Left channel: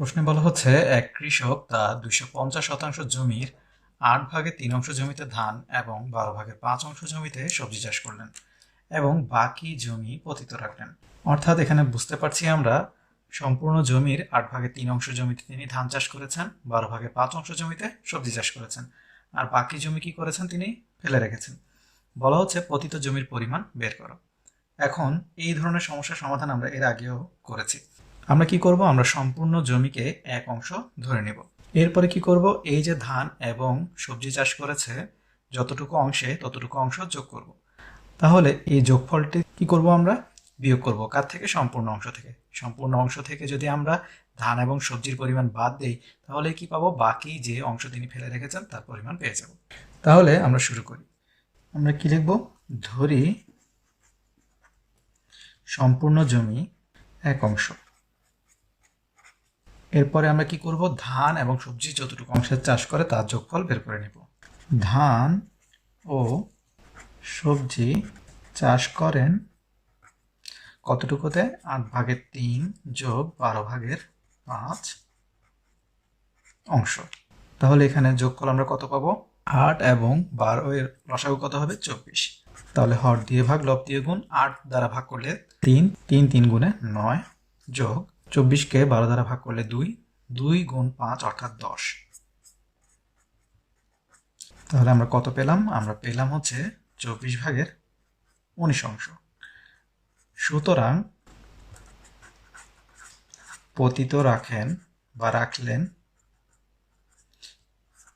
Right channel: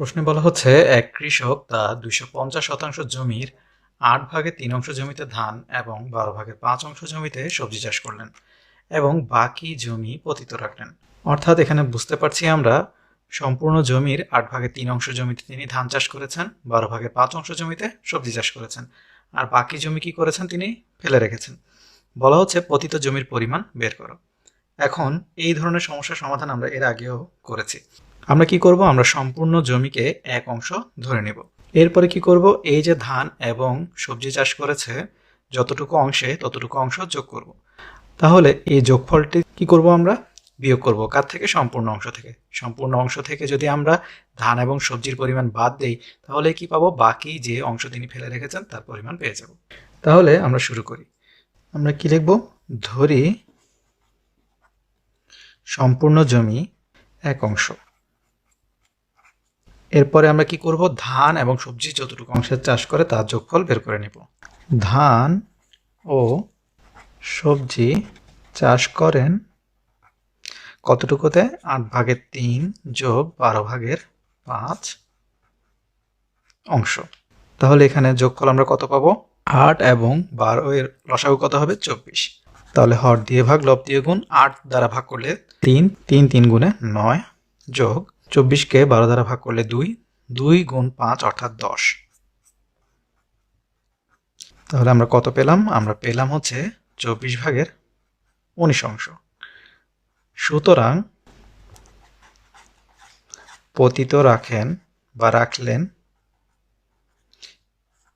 প্রশ্নে বলা হচ্ছে এক কৃষক তার 250 শতাংশ জমির 8 ভাগের 3 অংশ জমিতে ধান এবং 12 ভাগের 5 অংশ জমিতে সবজি চাষ করলেন এবং বাকি জমি পতিত রাখলেন। অর্থাৎ এখানে বুঝতে পারছি আমরা সম্পূর্ণ জমির 8 ভাগের 3 অংশ জমিতে তিনি ধান চাষ করেছেন, 12 ভাগের 5 অংশ জমিতে সবজি চাষ করেছেন, আর বাকি জমি কি করেছেন তিনি ফেলে রেখেছেন। বলা হচ্ছে পতিত জমির পরিমাণ বের করো। এখন এই ধরনের সমস্যার সমাধান আমরা এর আগেও করেছি। আমরা কি করব, আমরা সম্পূর্ণ জমিকে এক অংশ ধরে নেব। এরপরে কি করব, এই যে ধান এবং সবজি চাষ করেছে যতটুকু অংশে ততটুকু অংশ যোগ করব। তাহলে এই যোগফলটি কি করব, আমরা বিয়োগ করব কার থেকে? সম্পূর্ণ অংশ থেকে। সম্পূর্ণ অংশ থেকে যদি আমরা ধান এবং সবজির পরিমাণ বাদ দেই তাহলে কি পাবো? বাকি যে অংশ তিনি ফেলে রেখেছেন তার পরিমাণ পেয়ে যাব। তাহলে আমরা শুরু করি। আমরা কি লিখব? ধরি সম্পূর্ণ জমি এক অংশ। এরপরে আমরা কি করব, ধান এবং সবজি যতটুকু অংশের চাষ করে তার যোগফল বের করে নেব। ধান ও সবজি চাষ করেন কতটুকুতে? 8 ভাগের 3 যোগ 12 ভাগের 5 অংশ। তাহলে এখানে যোগফল আমরা কত পাবো? 8 এবং 12 এর লসাগু কত হবে? 24। তাহলে হর দিয়ে ভাগ, লব দিয়ে গুণ, 8 দ্বারা ভাগ করলে 3, 3 3 গুণে 9 যোগ 24কে 12 দ্বারা ভাগ করলে 2, 2 গুণ 5 অর্থাৎ 10। তাহলে আমরা কত পেলাম? আমরা পেলাম হচ্ছে 24 ভাগের 19 অংশ। সুতরাং পতিত রাখেন বা রাখলেন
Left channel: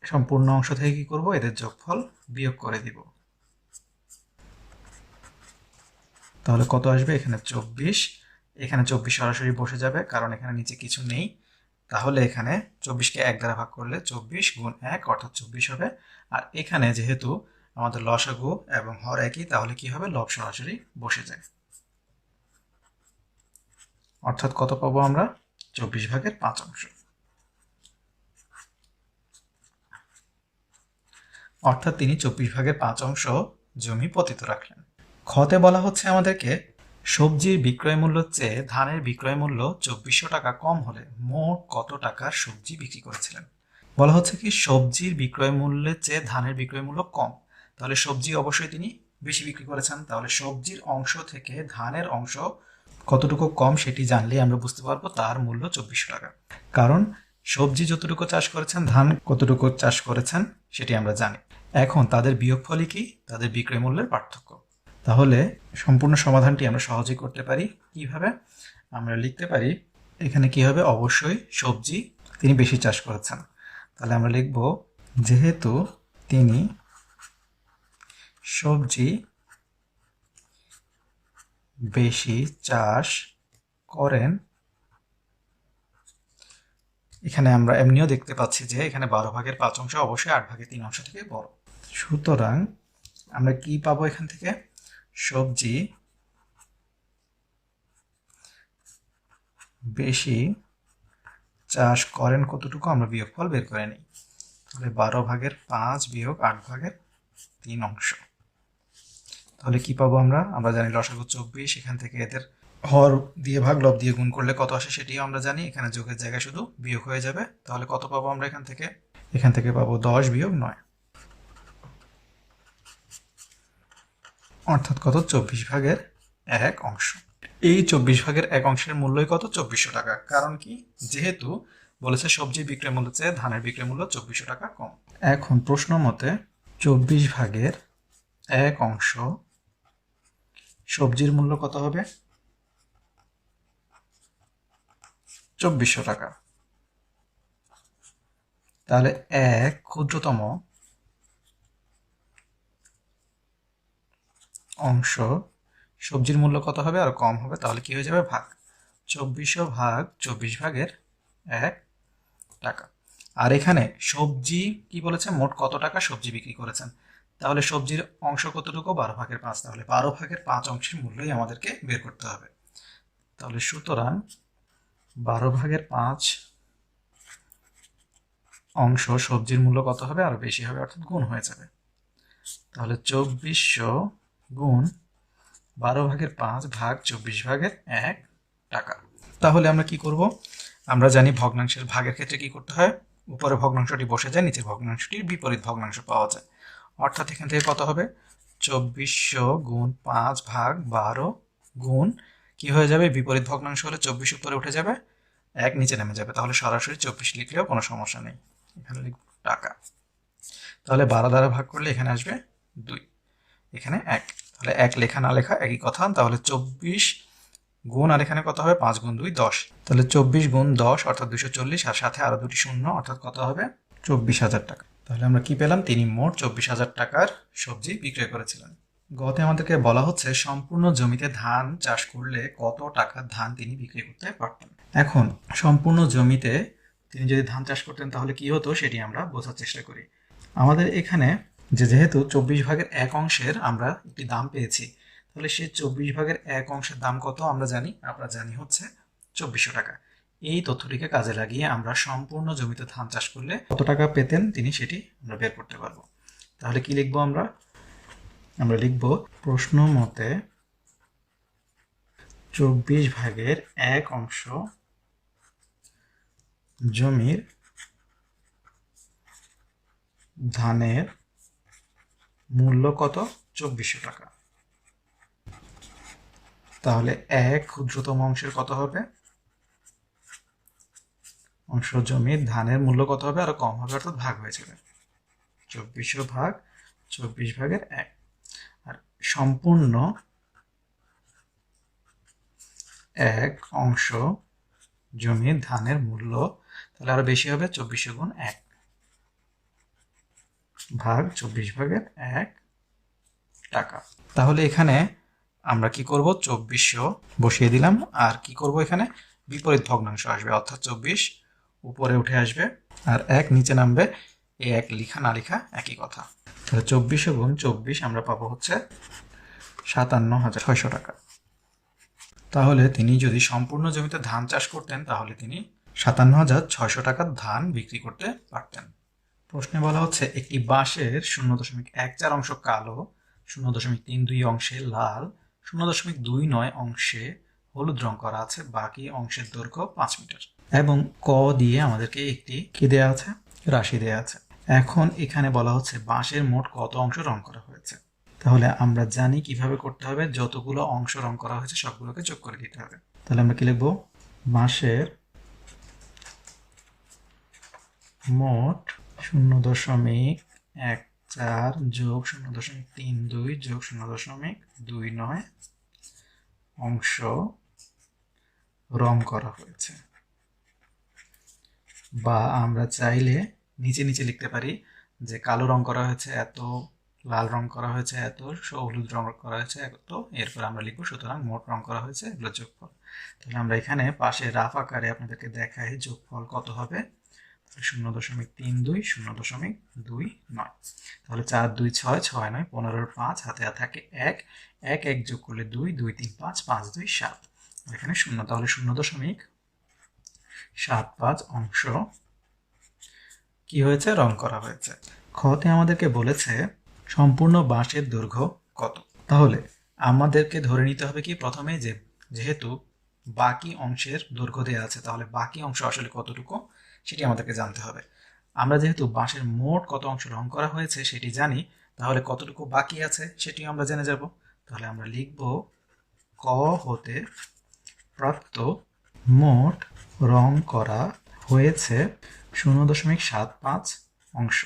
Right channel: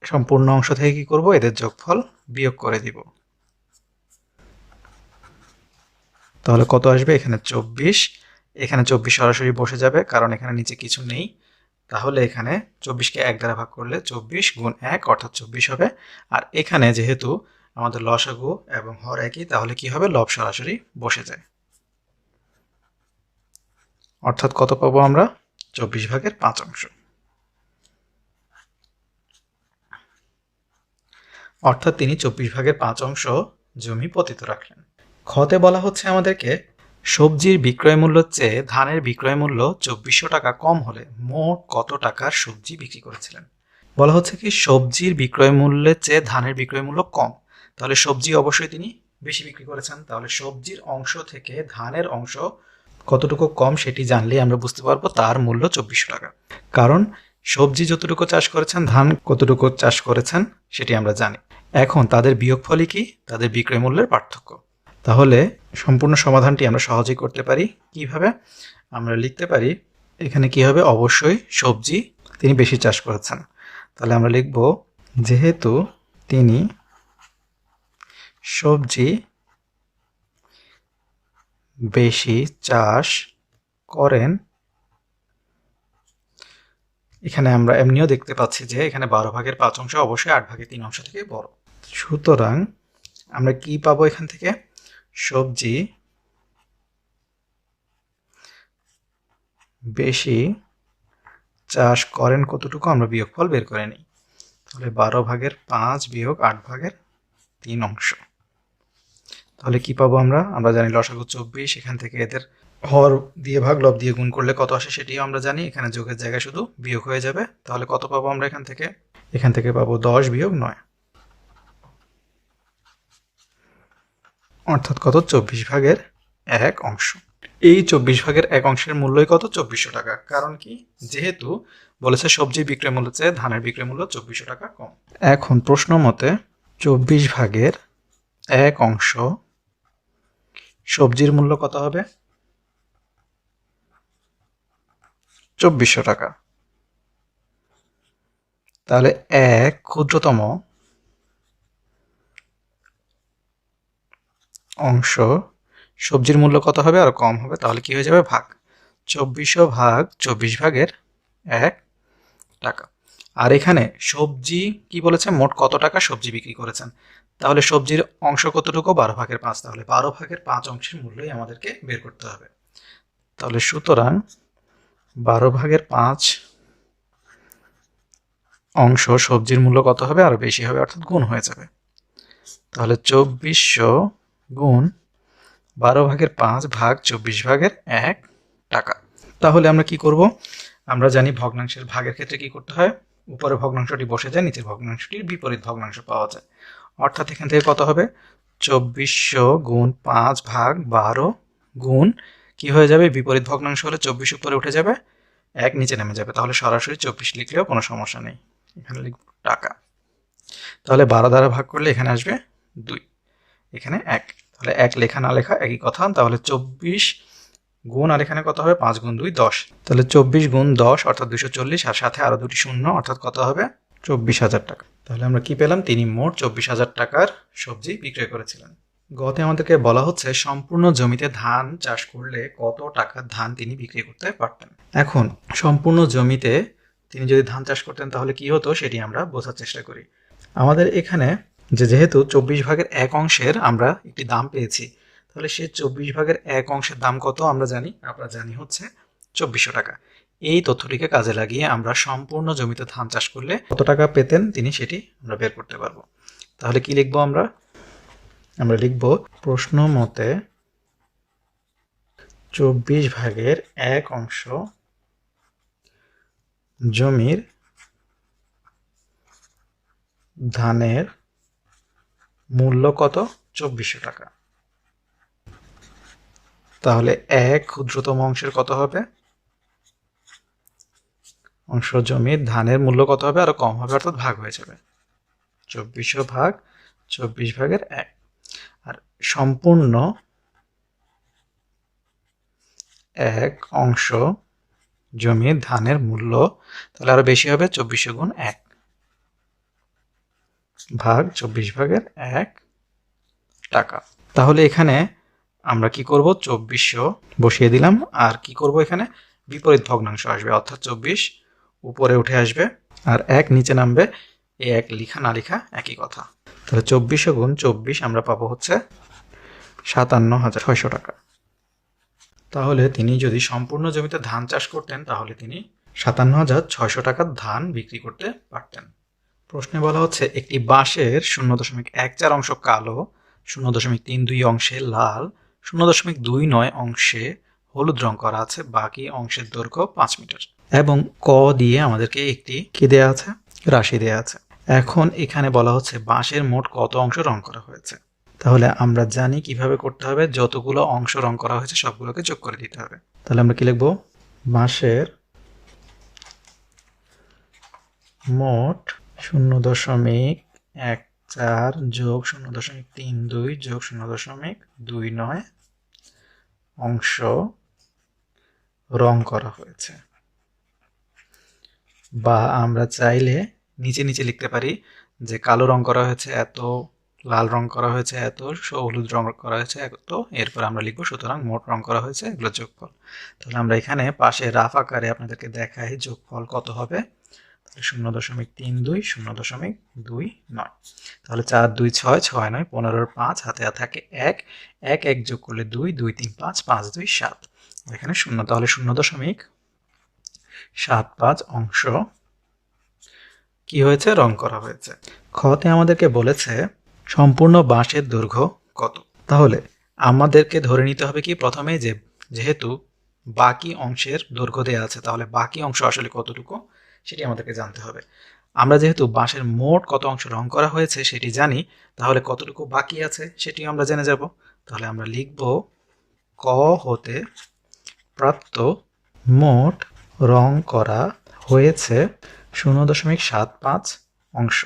সম্পূর্ণ অংশ থেকে কি করব, এদের যোগফল বিয়োগ করে দিব। তাহলে কত আসবে? এখানে 24। এখানে 24 সরাসরি বসে যাবে কারণ এখানে নিচে কিছু নেই। তাহলে এখানে 24কে 1 দ্বারা ভাগ করলে 24 গুণ 1 অর্থাৎ 24 হবে। আর এখানে যেহেতু আমাদের লসাগু এবং হর একই, তাহলে কি হবে? লব সরাসরি বসে যায়। অর্থাৎ কত পাবো আমরা? 24 ভাগের 5 অংশ। অর্থাৎ তিনি 24 ভাগের 5 অংশ জমি পতিত রাখলেন। খতে বলা হচ্ছে আমাদেরকে সবজির বিক্রয় মূল্যের চেয়ে ধানের বিক্রয় মূল্য 2400 টাকা কম হলে মোট কত টাকার সবজি বিক্রি করেছিলেন। বলা হচ্ছে কি সবজির বিক্রয় মূল্যের চেয়ে ধানের বিক্রয় মূল্য কম, তাহলে সবজি অবশ্যই তিনি বেশি বিক্রি করেছেন। তাহলে সবজির অংশ থেকে ধানের অংশ কতটুকু কম সেটি জানলে আমরা বুঝতে পারবো তার মূল্য 2400 টাকা। কারণ সবজি যতটুকু চাষ করেছেন, ধান কতটুকু চাষ করেছেন সেটি আমরা জানি। এখন তাদের বিয়োগফলই কি? তাদের বিক্রয় মূল্যের পার্থক্য। তাহলে সম্পূর্ণ সমাধানটি আমরা সহজেই করতে পারি। কিভাবে? আমরা লিখতে পারি এখানে কি হবে, অবশ্যই সবজি তিনি বেশি চাষ করেছেন। তাহলে আমরা লিখব যেহেতু তিনি সবজি বেশি চাষ করেন, এখানে আমরা এমনিও দেখতে পাচ্ছি যে এখানে 12 ভাগের 5 অংশ অবশ্যই 8 ভাগের 3 অংশ থেকে বড়। সুতরাং আমরা কি পাবো এখান থেকে? সবজি বেশি চাষ করেন কতটুকু, আমরা বিয়োগফল বের করে নিই। তাহলে 12 ভাগের 5 বিয়োগ 8 ভাগের 3 অংশ। তাহলে কি পাবো আমরা? আমরা জানি লসাগু 24, এখান থেকে এদের হর দিয়ে ভাগ, লব দিয়ে গুণ করলে কত আসে সেটিও আমরা জানি। এখানে যোগের জায়গায় শুধু বিয়োগ হয়ে যাবে। তাহলে কত পাবো আমরা এখান থেকে? এখান থেকে পাবো 10 বিয়োগ 9, অর্থাৎ কত? 24 ভাগের 1 অংশ। এই 24 ভাগের 1 অংশের মূল্যই কত? 2400 টাকা। কারণ কি? যেহেতু বলেছে সবজির বিক্রয় মূল্য চেয়ে ধানের বিক্রয় মূল্য 2400 টাকা কম। এখন প্রশ্ন মতে 24 ভাগের 1 অংশ সবজির মূল্য কত হবে? 2400 টাকা। তাহলে এক ক্ষুদ্রতম অংশ সবজির মূল্য কত হবে? আর কম হবে। তাহলে কি হয়ে যাবে? ভাগ। 2400 ভাগ 24 ভাগের 1 টাকা। আর এখানে সবজি কি বলেছে? মোট কত টাকা সবজি বিক্রি করেছেন। তাহলে সবজির অংশ কতটুকু? 12 ভাগের 5। তাহলে 12 ভাগের 5 অংশের মূল্যই আমাদেরকে বের করতে হবে। তাহলে সুতরাং 12 ভাগের 5 অংশ সবজির মূল্য কত হবে? আরো বেশি হবে, অর্থাৎ গুণ হয়ে যাবে। তাহলে 2400 গুণ 12 ভাগের 5 ভাগ 24 ভাগের 1 টাকা। তাহলে আমরা কি করব? আমরা জানি ভগ্নাংশের ভাগের ক্ষেত্রে কি করতে হয়, উপরে ভগ্নাংশটি বসে যায়, নিচের ভগ্নাংশটির বিপরীত ভগ্নাংশ পাওয়া যায়। অর্থাৎ এখান থেকে কত হবে, 2400 গুণ 5 ভাগ 12 গুণ কি হয়ে যাবে, বিপরীত ভগ্নাংশ হলে 24 উপরে উঠে যাবে, 1 নিচে নেমে যাবে, তাহলে সরাসরি 24 লিখলেও কোনো সমস্যা নেই। এখানে লিখব টাকা। তাহলে 12 দ্বারা ভাগ করলে এখানে আসবে 2, এখানে 1, তাহলে 1 লেখা না লেখা একই কথা। তাহলে 24 গুণ, আর এখানে কত হবে, 5 গুণ 2 10, তাহলে 24 গুণ 10 অর্থাৎ 240, আর সাথে আরো দুটি শূন্য অর্থাৎ কত হবে, 24,000 টাকা। তাহলে আমরা কি পেলাম, তিনি মোট 24,000 টাকার সবজি বিক্রয় করেছিলেন। গতে আমাদেরকে বলা হচ্ছে সম্পূর্ণ জমিতে ধান চাষ করলে কত টাকার ধান তিনি বিক্রি করতে পারতেন। এখন সম্পূর্ণ জমিতে তিনি যদি ধান চাষ করতেন তাহলে কি হতো সেটি আমরা বোঝার চেষ্টা করি। আমাদের এখানে যেহেতু 24 ভাগের 1 অংশের আমরা একটি দাম পেয়েছি, তাহলে সে 24 ভাগের 1 অংশের দাম কত আমরা জানি হচ্ছে 2400 টাকা। এই তথ্যটিকে কাজে লাগিয়ে আমরা সম্পূর্ণ জমিতে ধান চাষ করলে কত টাকা পেতেন তিনি সেটি আমরা বের করতে পারবো। তাহলে কি লিখবো, আমরা লিখব প্রশ্ন মতে 24 ভাগের 1 অংশ জমির ধানের মূল্য কত, 2400 টাকা। তাহলে 1 ক্ষুদ্রতম অংশের কত হবে, অংশ জমির ধানের মূল্য কত হবে, আরো কম হবে, অর্থাৎ ভাগ হয়ে যাবে, 2400 ভাগ 24 ভাগের 1। আর সম্পূর্ণ 1 অংশ জমির ধানের মূল্য, তাহলে আরো বেশি হবে, 2400 গুণ 1 ভাগ 24 ভাগের 1 টাকা। তাহলে এখানে আমরা কি করব, 2400 বসিয়ে দিলাম, আর কি করব, এখানে বিপরীত ভগ্নাংশ আসবে, অর্থাৎ 24 উপরে উঠে আসবে আর 1 নিচে নামবে। এই 1 লিখা না লিখা একই কথা। তাহলে 2400 গুণ 24 আমরা পাবো হচ্ছে 57,600 টাকা। তাহলে তিনি যদি সম্পূর্ণ জমিতে ধান চাষ করতেন তাহলে তিনি 57,600 টাকার ধান বিক্রি করতে পারতেন। প্রশ্নে বলা হচ্ছে একটি বাঁশের 0.14 অংশ কালো, 0.32 অংশে লাল, 0.29 অংশে হলুদ রং করা আছে, বাকি অংশের দৈর্ঘ্য 5 মিটার। এবং ক দিয়ে আমাদেরকে একটি কি দেয়া আছে, রাশি দেয়া আছে। এখন এখানে বলা হচ্ছে বাঁশের মোট কত অংশ রং করা হয়েছে। তাহলে আমরা জানি কিভাবে করতে হবে, যতগুলো অংশ রং করা হয়েছে সবগুলোকে যোগ করে দিতে হবে। তাহলে আমরা কি লিখবো, বাঁশের মোট 0.14 যোগ 0.32 যোগ 0.29 অংশ রং করা হয়েছে। বা আমরা চাইলে নিচে নিচে লিখতে পারি যে কালো রং করা হয়েছে এত, লাল রং করা হয়েছে এত, হলুদ রং করা হয়েছে এত, এরপর আমরা লিখবো সুতরাং মোট রং করা হয়েছে এগুলো যোগফল। তাহলে আমরা এখানে পাশে রাফ আকারে আপনাদেরকে দেখাই যোগফল কত হবে, 0.32 0.29। তাহলে 4 2 6 6 9 15 5 হাতে থাকে 1 1 1 যোগ করলে 2 2 3 5 5 2 7, এখানে 0, তাহলে 0.75 অংশ কি হয়েছে, রং করা হয়েছে। খতে আমাদেরকে বলেছে সম্পূর্ণ বাঁশের দৈর্ঘ্য কত। তাহলে আমাদেরকে ধরে নিতে হবে কি, প্রথমে যেহেতু বাকি অংশের দৈর্ঘ্য দেওয়া আছে, তাহলে বাকি অংশ আসলে কতটুকু সেটি আমাদেরকে জানতে হবে। আমরা যেহেতু বাঁশের মোট কত অংশ রং করা হয়েছে সেটি জানি, তাহলে কতটুকু বাকি আছে সেটি আমরা জেনে যাব। তাহলে আমরা লিখব ক হতে প্রাপ্ত মোট রং করা হয়েছে 0.75 অংশ,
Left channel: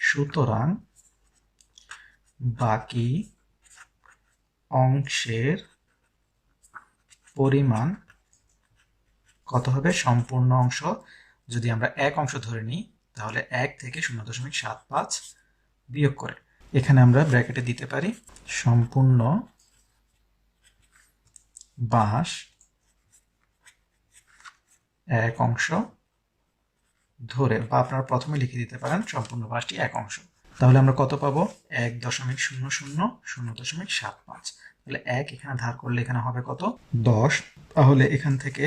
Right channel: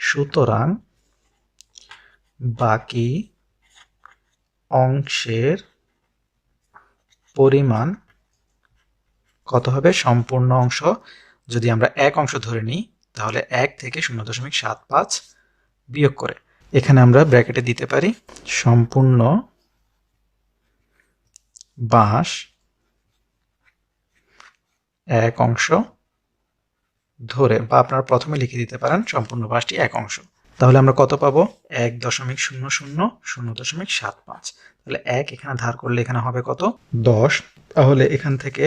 সুতরাং বাকি অংশের পরিমাণ কত হবে, সম্পূর্ণ অংশ যদি আমরা 1 অংশ ধরে নিই তাহলে 1 থেকে 0.75 বিয়োগ করে এখানে আমরা ব্র্যাকেটে দিতে পারি সম্পূর্ণ বাঁশ 1 অংশ ধরে, বা আপনারা প্রথমে লিখে দিতে পারেন সম্পূর্ণ বাঁশটি 1 অংশ। তাহলে আমরা কত পাবো, 1.00 0.75। তাহলে 1 এখানে ধার করলে এখানে হবে কত, 10। তাহলে এখান থেকে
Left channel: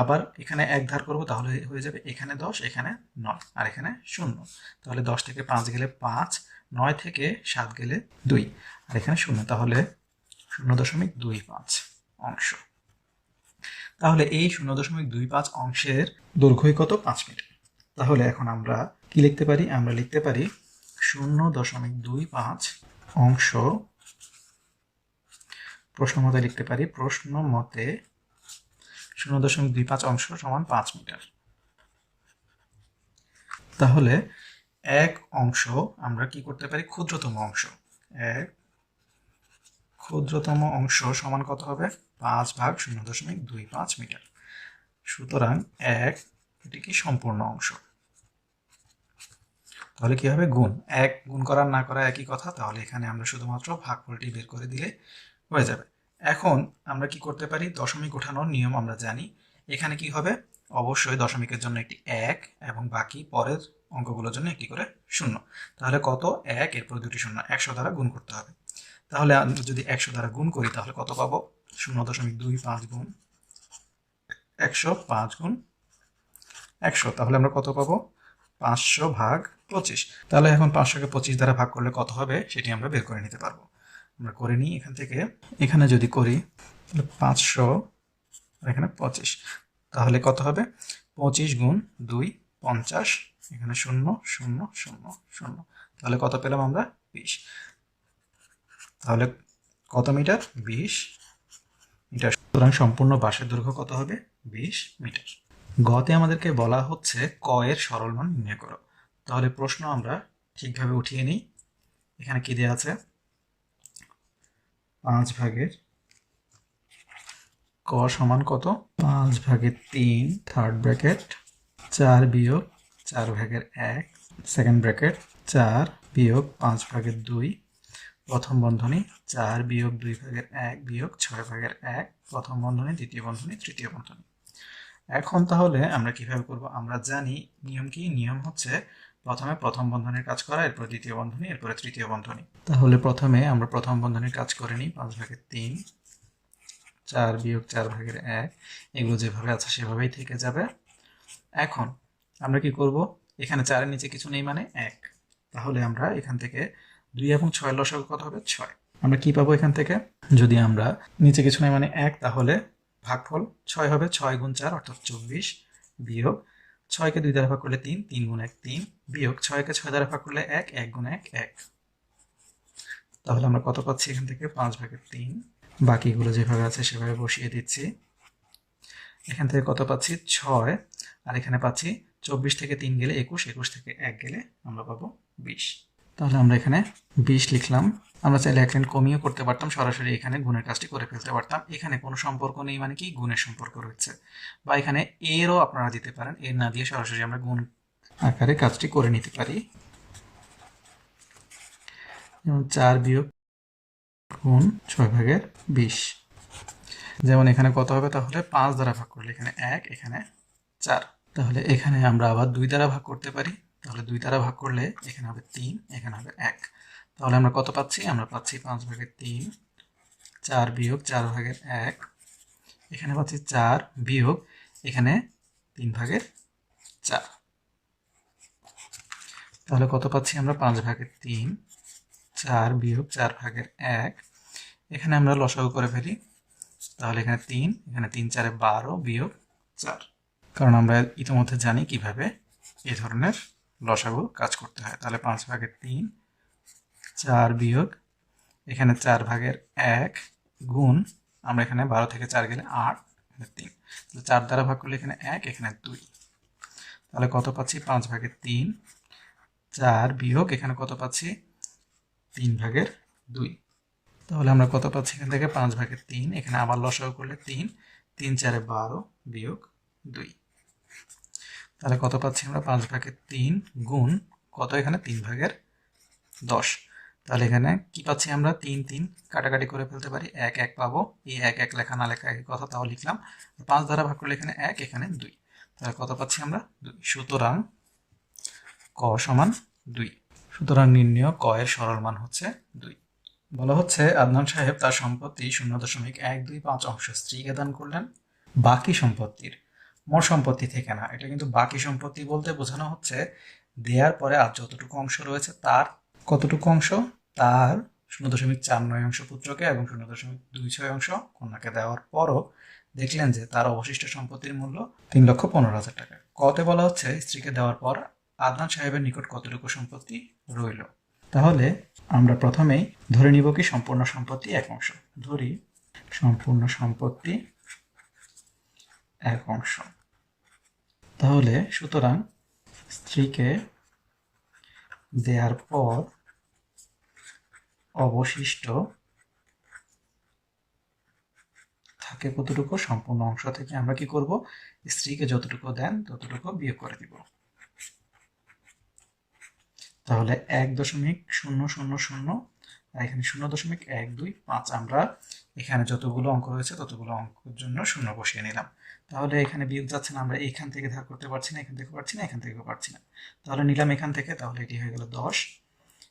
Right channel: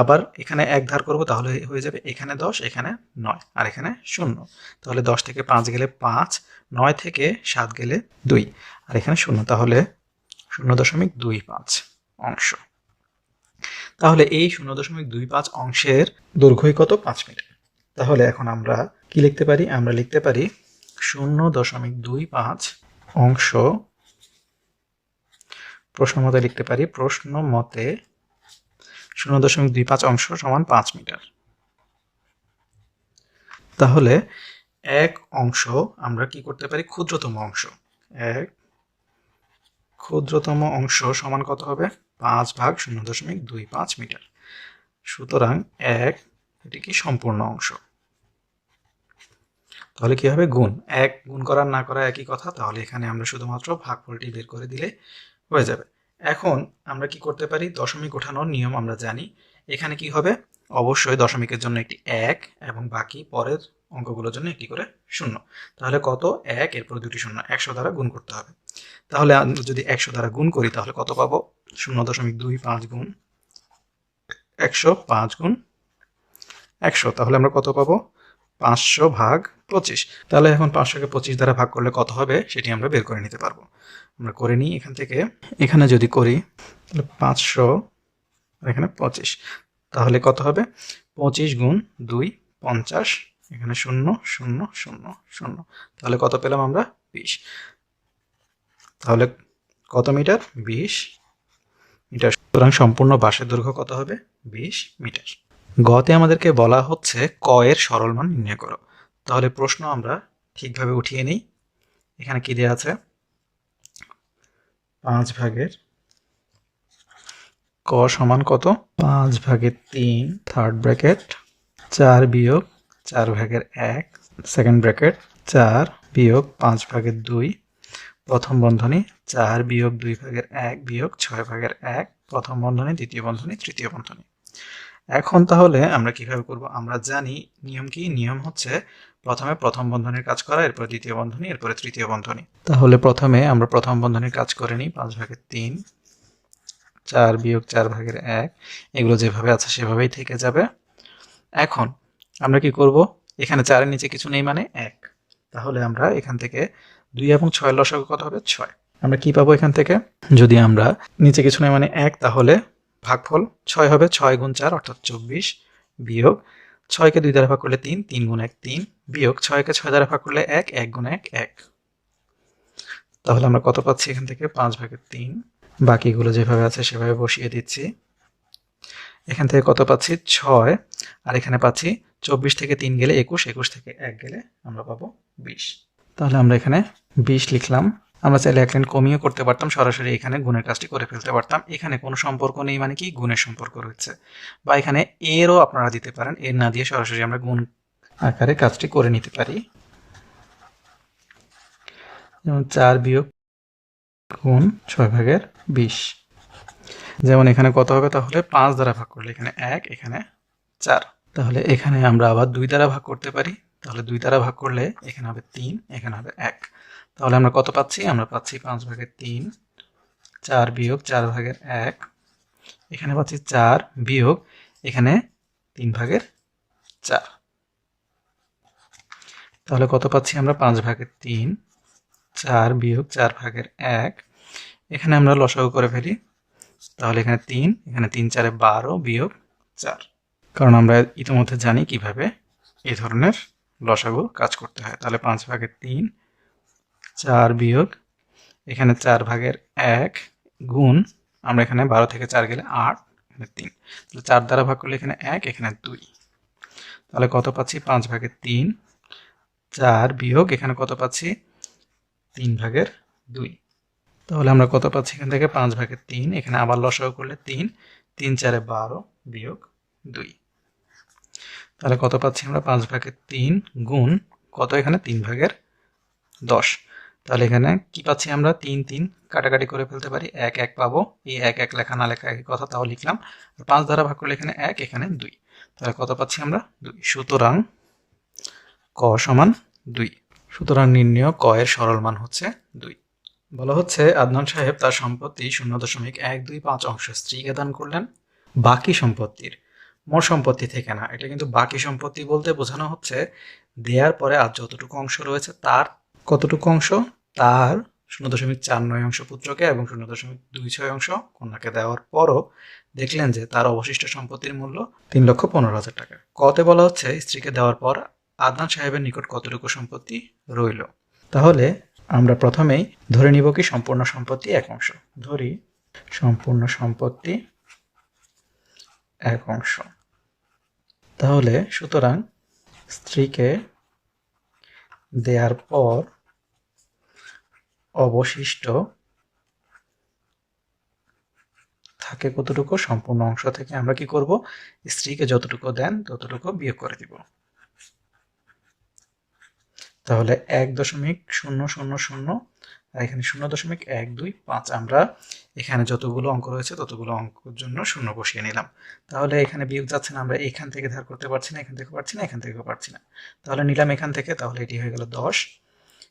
আবার এখানে 1 ধার করব, তাহলে হয়ে যাবে এখানে 10 এখানে 9 আর এখানে 0। তাহলে 10 থেকে 5 গেলে 5, 9 থেকে 7 গেলে 2 আর এখানে 0, তাহলে 0.25 অংশ। তাহলে এই 0.25 অংশের দৈর্ঘ্যই কত? 5 মিটার। তাহলে এখন আমরা কি লিখতে পারি? আমরা লিখতে পারি 0.25 অংশ, প্রশ্ন মতে লিখতে পারি প্রশ্ন মতে 0.25 অংশ সমান 5 মিটার। তাহলে এক অংশ আমরা কি করতে পারি? ক্ষুদ্রতম অংশ, এক ক্ষুদ্রতম অংশ সমান কত হবে? 5/0.25 মিটার। সুতরাং এটি কি সম্পূর্ণ অংশ। তাহলে কি হবে? গুণ, এক গুণ করা না করা একই কথা। তাহলে এখানে আমরা শুধুমাত্র ভাগফলটি বের করে দিলে হয়ে যাবে। এখন আমরা কি করতে পারি? দশমিক ওঠানোর নিয়ম আমরা জানি। এখানে কি হবে? অবশ্যই দশমিকের জন্য একটি 1 এবং বাকি পরের অঙ্কগুলোর জন্য একটি করে 0। তাহলে কত? 1, এরপর দুটি 0, 100 দ্বারা গুণ করতে হবে। তাহলে আমরা যদি 100 দ্বারা গুণ করি তাহলে কত পাবো? 0.25 গুণ 100, 5 গুণ 100। তাহলে আমরা কত পাবো? 500/25। তাহলে এখন 500কে 25 দ্বারা ভাগ করলে কত হবে সেটি আমরা বের করে নিতে পারবো। আমরা করে নিই এখান থেকে। এখানে যদি করি তাহলে 500, এখানে 25, তাহলে কত হবে? 25 গুণ 2, 50, এখানে 0 0 0 0। তাহলে কত পেলাম আমরা? 20। তাহলে কত মিটার? 20 মিটার। সুতরাং সম্পূর্ণ বাঁশের দৈর্ঘ্য কত হবে? 20 মিটার। গতে আমাদেরকে বলা হচ্ছে ক এর সরল মান নির্ণয় করো। তাহলে প্রশ্ন আমরা ঠিকভাবে উঠিয়ে নিই। এখানে কি দেওয়া আছে? 5/, ক সমান কত? 5/3 থার্ড ব্র্যাকেট, 4 বিয়োগ 4/1 সেকেন্ড ব্র্যাকেট, 4 বিয়োগ 5/2 প্রথম বন্ধনী, 4 বিয়োগ 2/1 বিয়োগ 6/1 প্রথম বন্ধনী, দ্বিতীয় বন্ধনী, তৃতীয় বন্ধনী। এখন তাহলে আমরা কিভাবে করব? আমরা জানি নিয়ম কি? নিয়ম হচ্ছে প্রথমে প্রথম বন্ধনীর কাজ করা, এরপর দ্বিতীয় বন্ধনী, এরপরে তৃতীয় বন্ধনী। তাহলে প্রথমে আমরা প্রথম বন্ধনীর কাজ করে নিই। 5/3, 4 বিয়োগ 4/1, এগুলো যেভাবে আছে সেভাবেই থেকে যাবে। এখন আমরা কি করব? এখানে 4 এর নিচে কিছু নেই মানে 1। তাহলে আমরা এখান থেকে 2 এবং 6 এর লসাগু কত হবে? 6। আমরা কি পাবো এখান থেকে? যদি আমরা নিচে কিছু নেই মানে 1, তাহলে ভাগফল 6 হবে। 6 গুণ 4 অর্থাৎ 24, বিয়োগ 6কে 2 দ্বারা ভাগ করলে 3, 3 গুণ 1 3, বিয়োগ 6কে 6 দ্বারা ভাগ করলে 1, 1 গুণ 1 1। তাহলে আমরা কত পাচ্ছি এখান থেকে? 5/3। বাকিগুলো যেভাবে আছে সেভাবে বসিয়ে দিচ্ছি। এখান থেকে কত পাচ্ছি? 6, আর এখানে পাচ্ছি 24 থেকে 3 গেলে 21, 21 থেকে 1 গেলে আমরা পাবো 20। তাহলে আমরা এখানে 20 লিখলাম। আমরা চাইলে এক লাইন কমিয়ে করতে পারতাম, সরাসরি এখানে গুণের কাজটি করে ফেলতে পারতাম। এখানে কোনো সম্পর্ক নেই মানে কি? গুণের সম্পর্ক রয়েছে। বা এখানে এরও আপনারা দিতে পারেন, এর না দিয়ে সরাসরি আমরা গুণ আকারে কাজটি করে নিতে পারি। যেমন 4 বিয়োগ গুণ 6/20। যেমন এখানে কত হবে? তাহলে 5 দ্বারা ভাগ করলে এখানে 1, এখানে 4। তাহলে এখানে আমরা আবার 2 দ্বারা ভাগ করতে পারি। তাহলে 2 দ্বারা ভাগ করলে এখানে হবে 3, এখানে হবে 1। তাহলে আমরা কত পাচ্ছি? আমরা পাচ্ছি 5/3, 4 বিয়োগ 4/1, এখানে পাচ্ছি 4 বিয়োগ এখানে 3/4। তাহলে কত পাচ্ছি আমরা? 5/3, 4 বিয়োগ 4/1, এখানে আমরা লসাগু করে ফেলি। তাহলে এখানে 3, এখানে 3 4 12 বিয়োগ 4। কারণ আমরা ইতিমধ্যে জানি কিভাবে এই ধরনের লসাগু কাজ করতে হয়। তাহলে 5/3, 4 বিয়োগ এখানে 4/1 গুণ, আমরা এখানে 12 থেকে 4 গেলে 8, এখানে 3। তাহলে 4 দ্বারা ভাগ করলে এখানে 1, এখানে 2। তাহলে কত পাচ্ছি? 5/3, 4 বিয়োগ এখানে কত পাচ্ছি? 3/2। তাহলে আমরা কত পাচ্ছি এখান থেকে? 5/3, এখানে আবার লসাগু করলে 3, 3 4 12 বিয়োগ 2। তাহলে কত পাচ্ছি আমরা? 5/3 গুণ কত? এখানে 3/10। তাহলে এখানে কি পাচ্ছি আমরা? 3 3 কাটাকাটি করে ফেলতে পারি, 1 1 পাবো। এই 1 1 লেখা না লেখা একই কথা, তাও লিখলাম। 5 দ্বারা ভাগ করলে এখানে 1, এখানে 2। তাহলে কত পাচ্ছি আমরা? 2। সুতরাং ক সমান 2। সুতরাং নির্ণয় ক এর সরল মান হচ্ছে 2। বলা হচ্ছে আদনান সাহেব তার সম্পত্তি 0.125 অংশ স্ত্রীকে দান করলেন। বাকি সম্পত্তির, মোট সম্পত্তি থেকে না, এটা কিন্তু বাকি সম্পত্তি বলতে বোঝানো হচ্ছে দেওয়ার পরে আর যতটুকু অংশ রয়েছে তার কতটুকু অংশ? তার 0.49 অংশ পুত্রকে এবং 0.26 অংশ কন্যাকে দেওয়ার পরও দেখলেন যে তার অবশিষ্ট সম্পত্তির মূল্য 3,15,000 টাকা। কতে বলা হচ্ছে স্ত্রীকে দেওয়ার পর আদনান সাহেবের নিকট কতটুকু সম্পত্তি রইল। তাহলে আমরা প্রথমেই ধরে নিব কি সম্পূর্ণ সম্পত্তি 1/2। ধরি সম্পূর্ণ সম্পত্তি 1/2। তাহলে সুতরাং স্ত্রীকে দেওয়ার পর অবশিষ্ট থাকে কতটুকু, সম্পূর্ণ অংশ থেকে আমরা কি করব, স্ত্রীকে যতটুকু দেন ততটুকু বিয়োগ করে দিব। তাহলে 1.000 আর এখানে 0.125। আমরা এখানে যতগুলো অঙ্ক রয়েছে ততগুলো অঙ্কের জন্য 0 বসিয়ে নিলাম। তাহলে এখানে বিয়োগ যাচ্ছে না, আমরা এখান থেকে ধার করতে পারছি না, এখান থেকে পারছি না, এখান থেকে পারছি না, তাহলে নিলাম এখান থেকে, তাহলে এটি হয়ে গেল 10।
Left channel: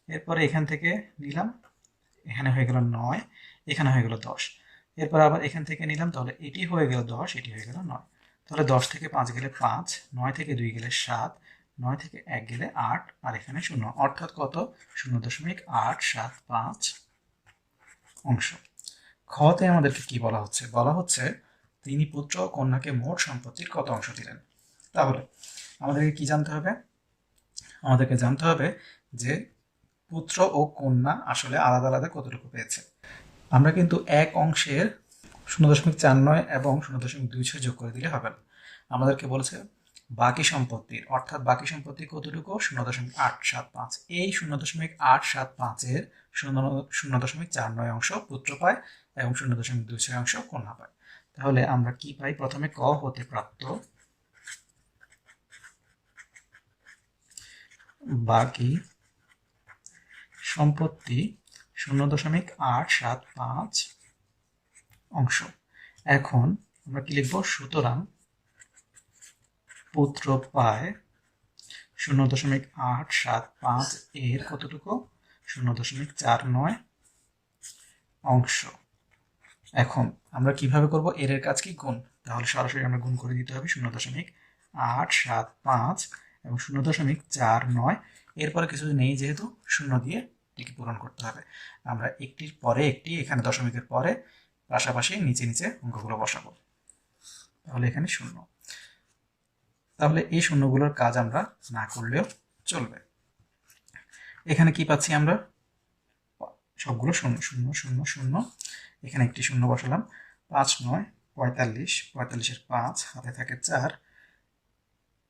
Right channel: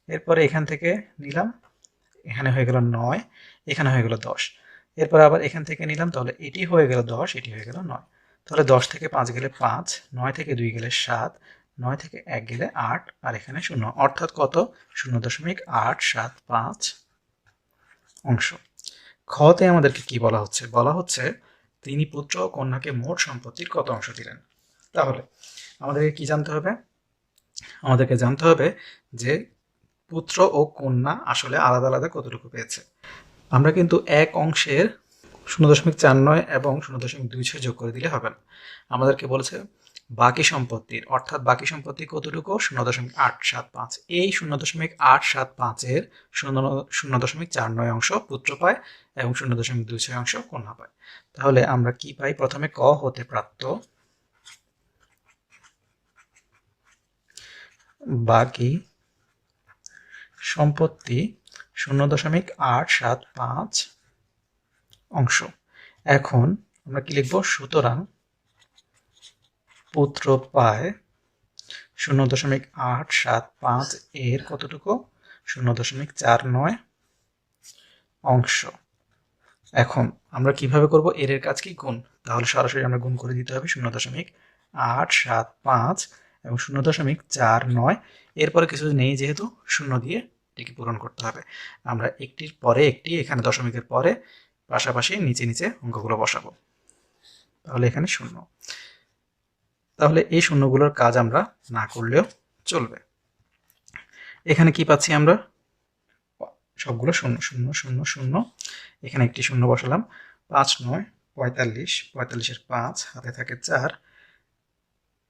এরপরে এখান থেকে নিলাম, এখানে হয়ে গেল 9, এখানে হয়ে গেল 10। এরপর আবার এখান থেকে নিলাম, তাহলে এটি হয়ে গেল 10, এটি হয়ে গেল 9। তাহলে 10 থেকে 5 গেলে 5, 9 থেকে 2 গেলে 7, 9 থেকে 1 গেলে 8, আর এখানে 0, অর্থাৎ কত, 0.875 অংশ। খতে আমাদেরকে কি বলা হচ্ছে, বলা হচ্ছে তিনি পুত্র ও কন্যাকে মোট সম্পত্তির কত অংশ দিলেন। তাহলে আমাদেরকে কি জানতে হবে, আমাদেরকে জানতে হবে যে পুত্র ও কন্যা আসলে আলাদা আলাদা কতটুকু পেয়েছে। আমরা কিন্তু এক অংশের 0.49 এবং 0.26 যোগ করে দিলে হবে না, আমাদেরকে বলেছে বাকি সম্পত্তির, অর্থাৎ বাকি সম্পত্তি কতটুকু, 0.875। এই 0.875-এর 0.49 অংশ পুত্র পায় এবং 0.26 অংশ কন্যা পায়। তাহলে আমরা কি পাই, প্রথমে ক হতে প্রাপ্ত বাকি সম্পত্তি 0.875 অংশ। এখন আমরা কি লিখব, সুতরাং পুত্র পায় 0.875 এর কতটুকু, 0.49 অংশ। এখন আমরা কিভাবে করব, এর কাজ কি, গুণ। তাহলে সরাসরি আমরা গুণ করে দিতে হবে 0.875 এবং 0.49। এরপরে কিছু নেই যেহেতু, 0 দিয়ে এটিকে পূরণ করতে হবে। আমরা একটির পরে একটি, এখানে দশমিকের পরে পাশাপাশি নিচে নিচে অঙ্কগুলো বসাবো। তাহলে এখানে 0। তাহলে এই শূন্যগুলোর কাজ আমরা না করলেও চলবে। এখানে কি পাচ্ছি আমরা, সবগুলো 0 0 0 0, এখানে একটি 0 বসালাম। 5 9 45, 45-এর 5 হাতে থাকে 4,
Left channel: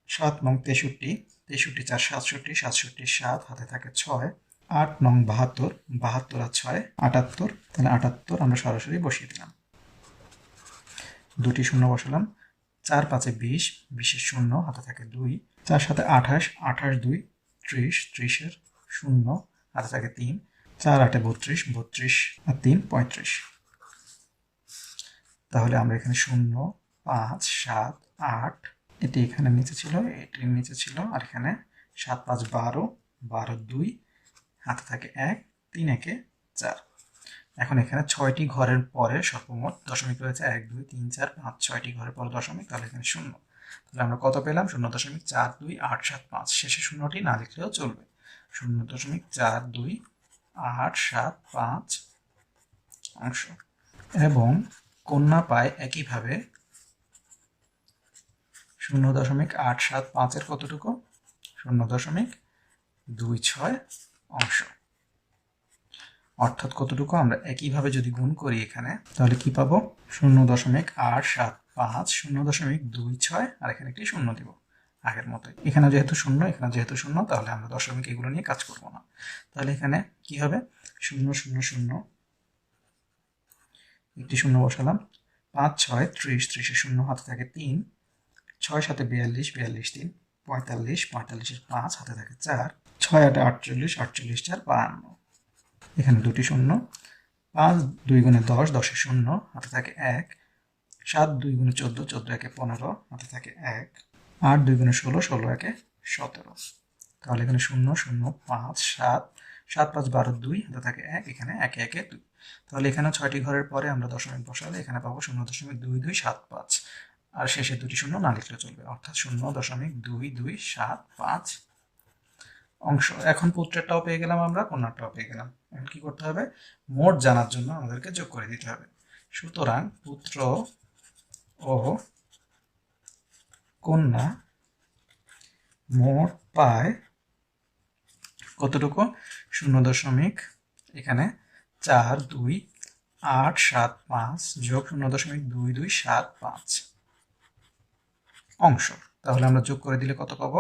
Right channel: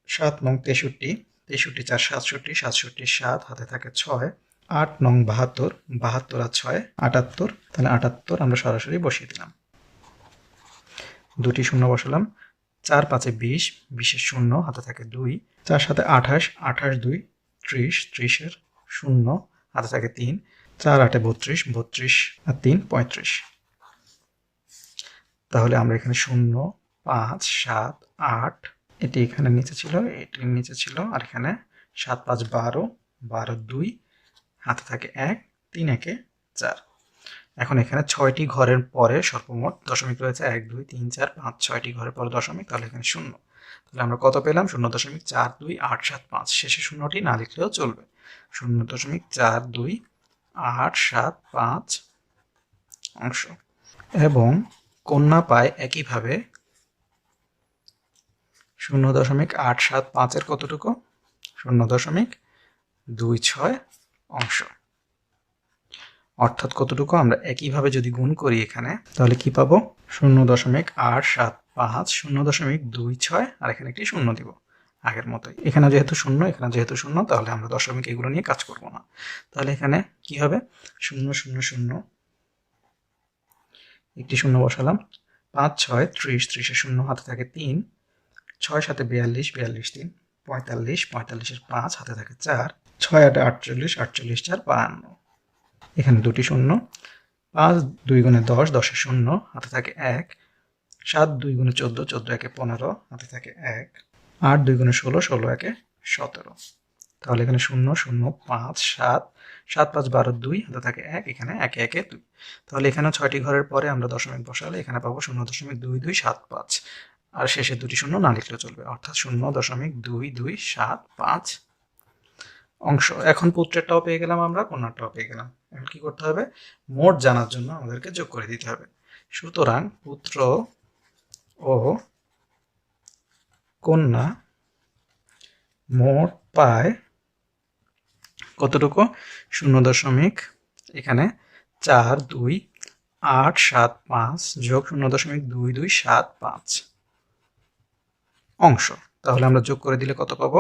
7 9 63, 63 4 67, 67 7 হাতে থাকে 6, 8 9 72, 72 আর 6 78, তাহলে 78 আমরা সরাসরি বসিয়ে দিলাম। দুটি 0 বসালাম। 4 5 20, 20-এর 0 হাতে থাকে 2, 4 7 28, 28 2 30, 30-এর 0 হাতে থাকে 3, 4 8 32, 32 আর 3 35। তাহলে আমরা এখানে 0 5 7 8, এটি এখানে নিচে ছিল, এটির নিচে ছিল, আর এখানে 7 5 12, 12 2 হাতে থাকে 1, 3 1 4। এখন এখানে 6টি ঘরের পরে সর্বমোট দশমিক রয়েছে 1 2 3 4 5, 6টি ঘরের পরে দশমিক, তাহলে এখানে 0। তাহলে আমরা কত পেলাম, 0.42875। শেষে 0টি না লিখলেও চলবে, 0.42875 অংশ। এবং কন্যা পায় একইভাবে 0.875-এর কতটুকু, 0.26 অংশ। অর্থাৎ কতটুকু, আমরা একইভাবে যদি গুণ করি এখানে, তাহলে কি পাবো, 0.875 0.26, আর এখানে একটি 0 দিব আগের মতোই। এখানে যেহেতু 0, এখানে যেহেতু 0, তাহলে আমরা দশমিক এগুলো নিয়ে কাজ করব না। তাহলে এখানে কি হবে, 0 0 0, একটি 0 বসালাম। 5 6 30, 30-এর 0 হাতে থাকে 3, 6 7 42, 42 3 45, 45-এর 5 হাতে থাকে 4, 6 8 48, 48 4 52। এখানে দুটি 0, 5 2 গুণে 10, 10-এর 0 হাতে থাকে 1, 7 2 গুণে 14, 14 1 15 হাতে থাকে 1, 8 2 গুণে 16, 16 1 17। তাহলে এখানে 0 0 5 7, 7 5 12 2 হাতে থাকে 1, এখানে 1 1 2। তাহলে এখানে 6টি ঘরের পরে আমরা দশমিক বসালে এখানে পাবো 0.2275, আর শেষে দুটি 0 না লিখলেও চলবে, অর্থাৎ 0.2275 অংশ। এখন পুত্রেরটাও পেয়ে গেলাম আমরা, কন্যারটাও পেয়ে গেলাম। এখন কি করতে হবে, মোট জানার জন্য আমাদেরকে যোগ করে দিতে হবে। সুতরাং পুত্র ও কন্যা মোট পায় কতটুকু? 0 এখানে 42875 যোগ 0.2275 অংশ। তাহলে আমরা যোগ করে দিলে কত পাবো?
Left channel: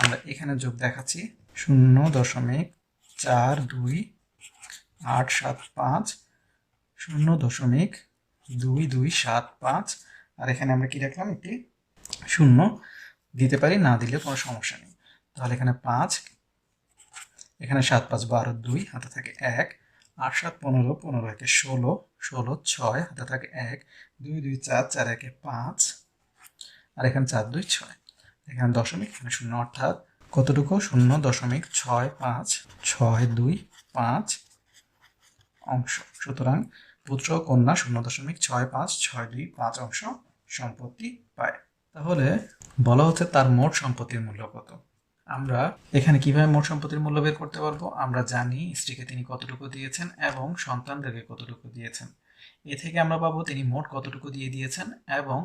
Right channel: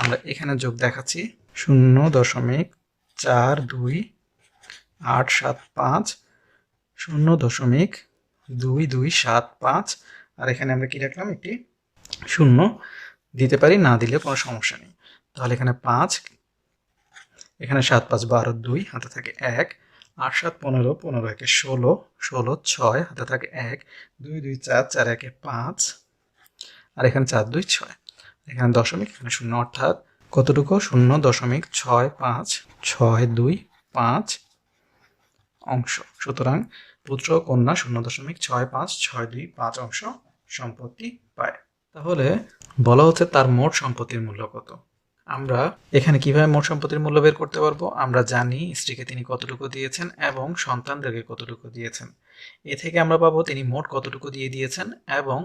আমরা এখানে যোগ দেখাচ্ছি 0.42875 0.2275 আর এখানে আমরা কি রাখলাম? একটি শূন্য দিতে পারি, না দিলে কোনো সমস্যা নেই। তাহলে এখানে 5, এখানে 7 5 12 2 হাতে থাকে 1, 8 7 15 15 1 16 16 6 হাতে থাকে 1, 2 2 4 4 1 5 আর এখানে 4 2 6, এখানে দশমিক, এখানে শূন্য, অর্থাৎ কতটুকু? 0.6565 অংশ। সুতরাং পুত্র ও কন্যা 0.6565 অংশ সম্পত্তি পায়। তাহলে বলা হচ্ছে তার মোট সম্পত্তির মূল্য কত। আমরা এখানে কিভাবে মোট সম্পত্তির মূল্য বের করতে পারবো? আমরা জানি স্ত্রীকে তিনি কতটুকু দিয়েছেন এবং সন্তানদেরকে কতটুকু দিয়েছেন। এ থেকে আমরা পাবো তিনি মোট কতটুকু দিয়ে দিয়েছেন এবং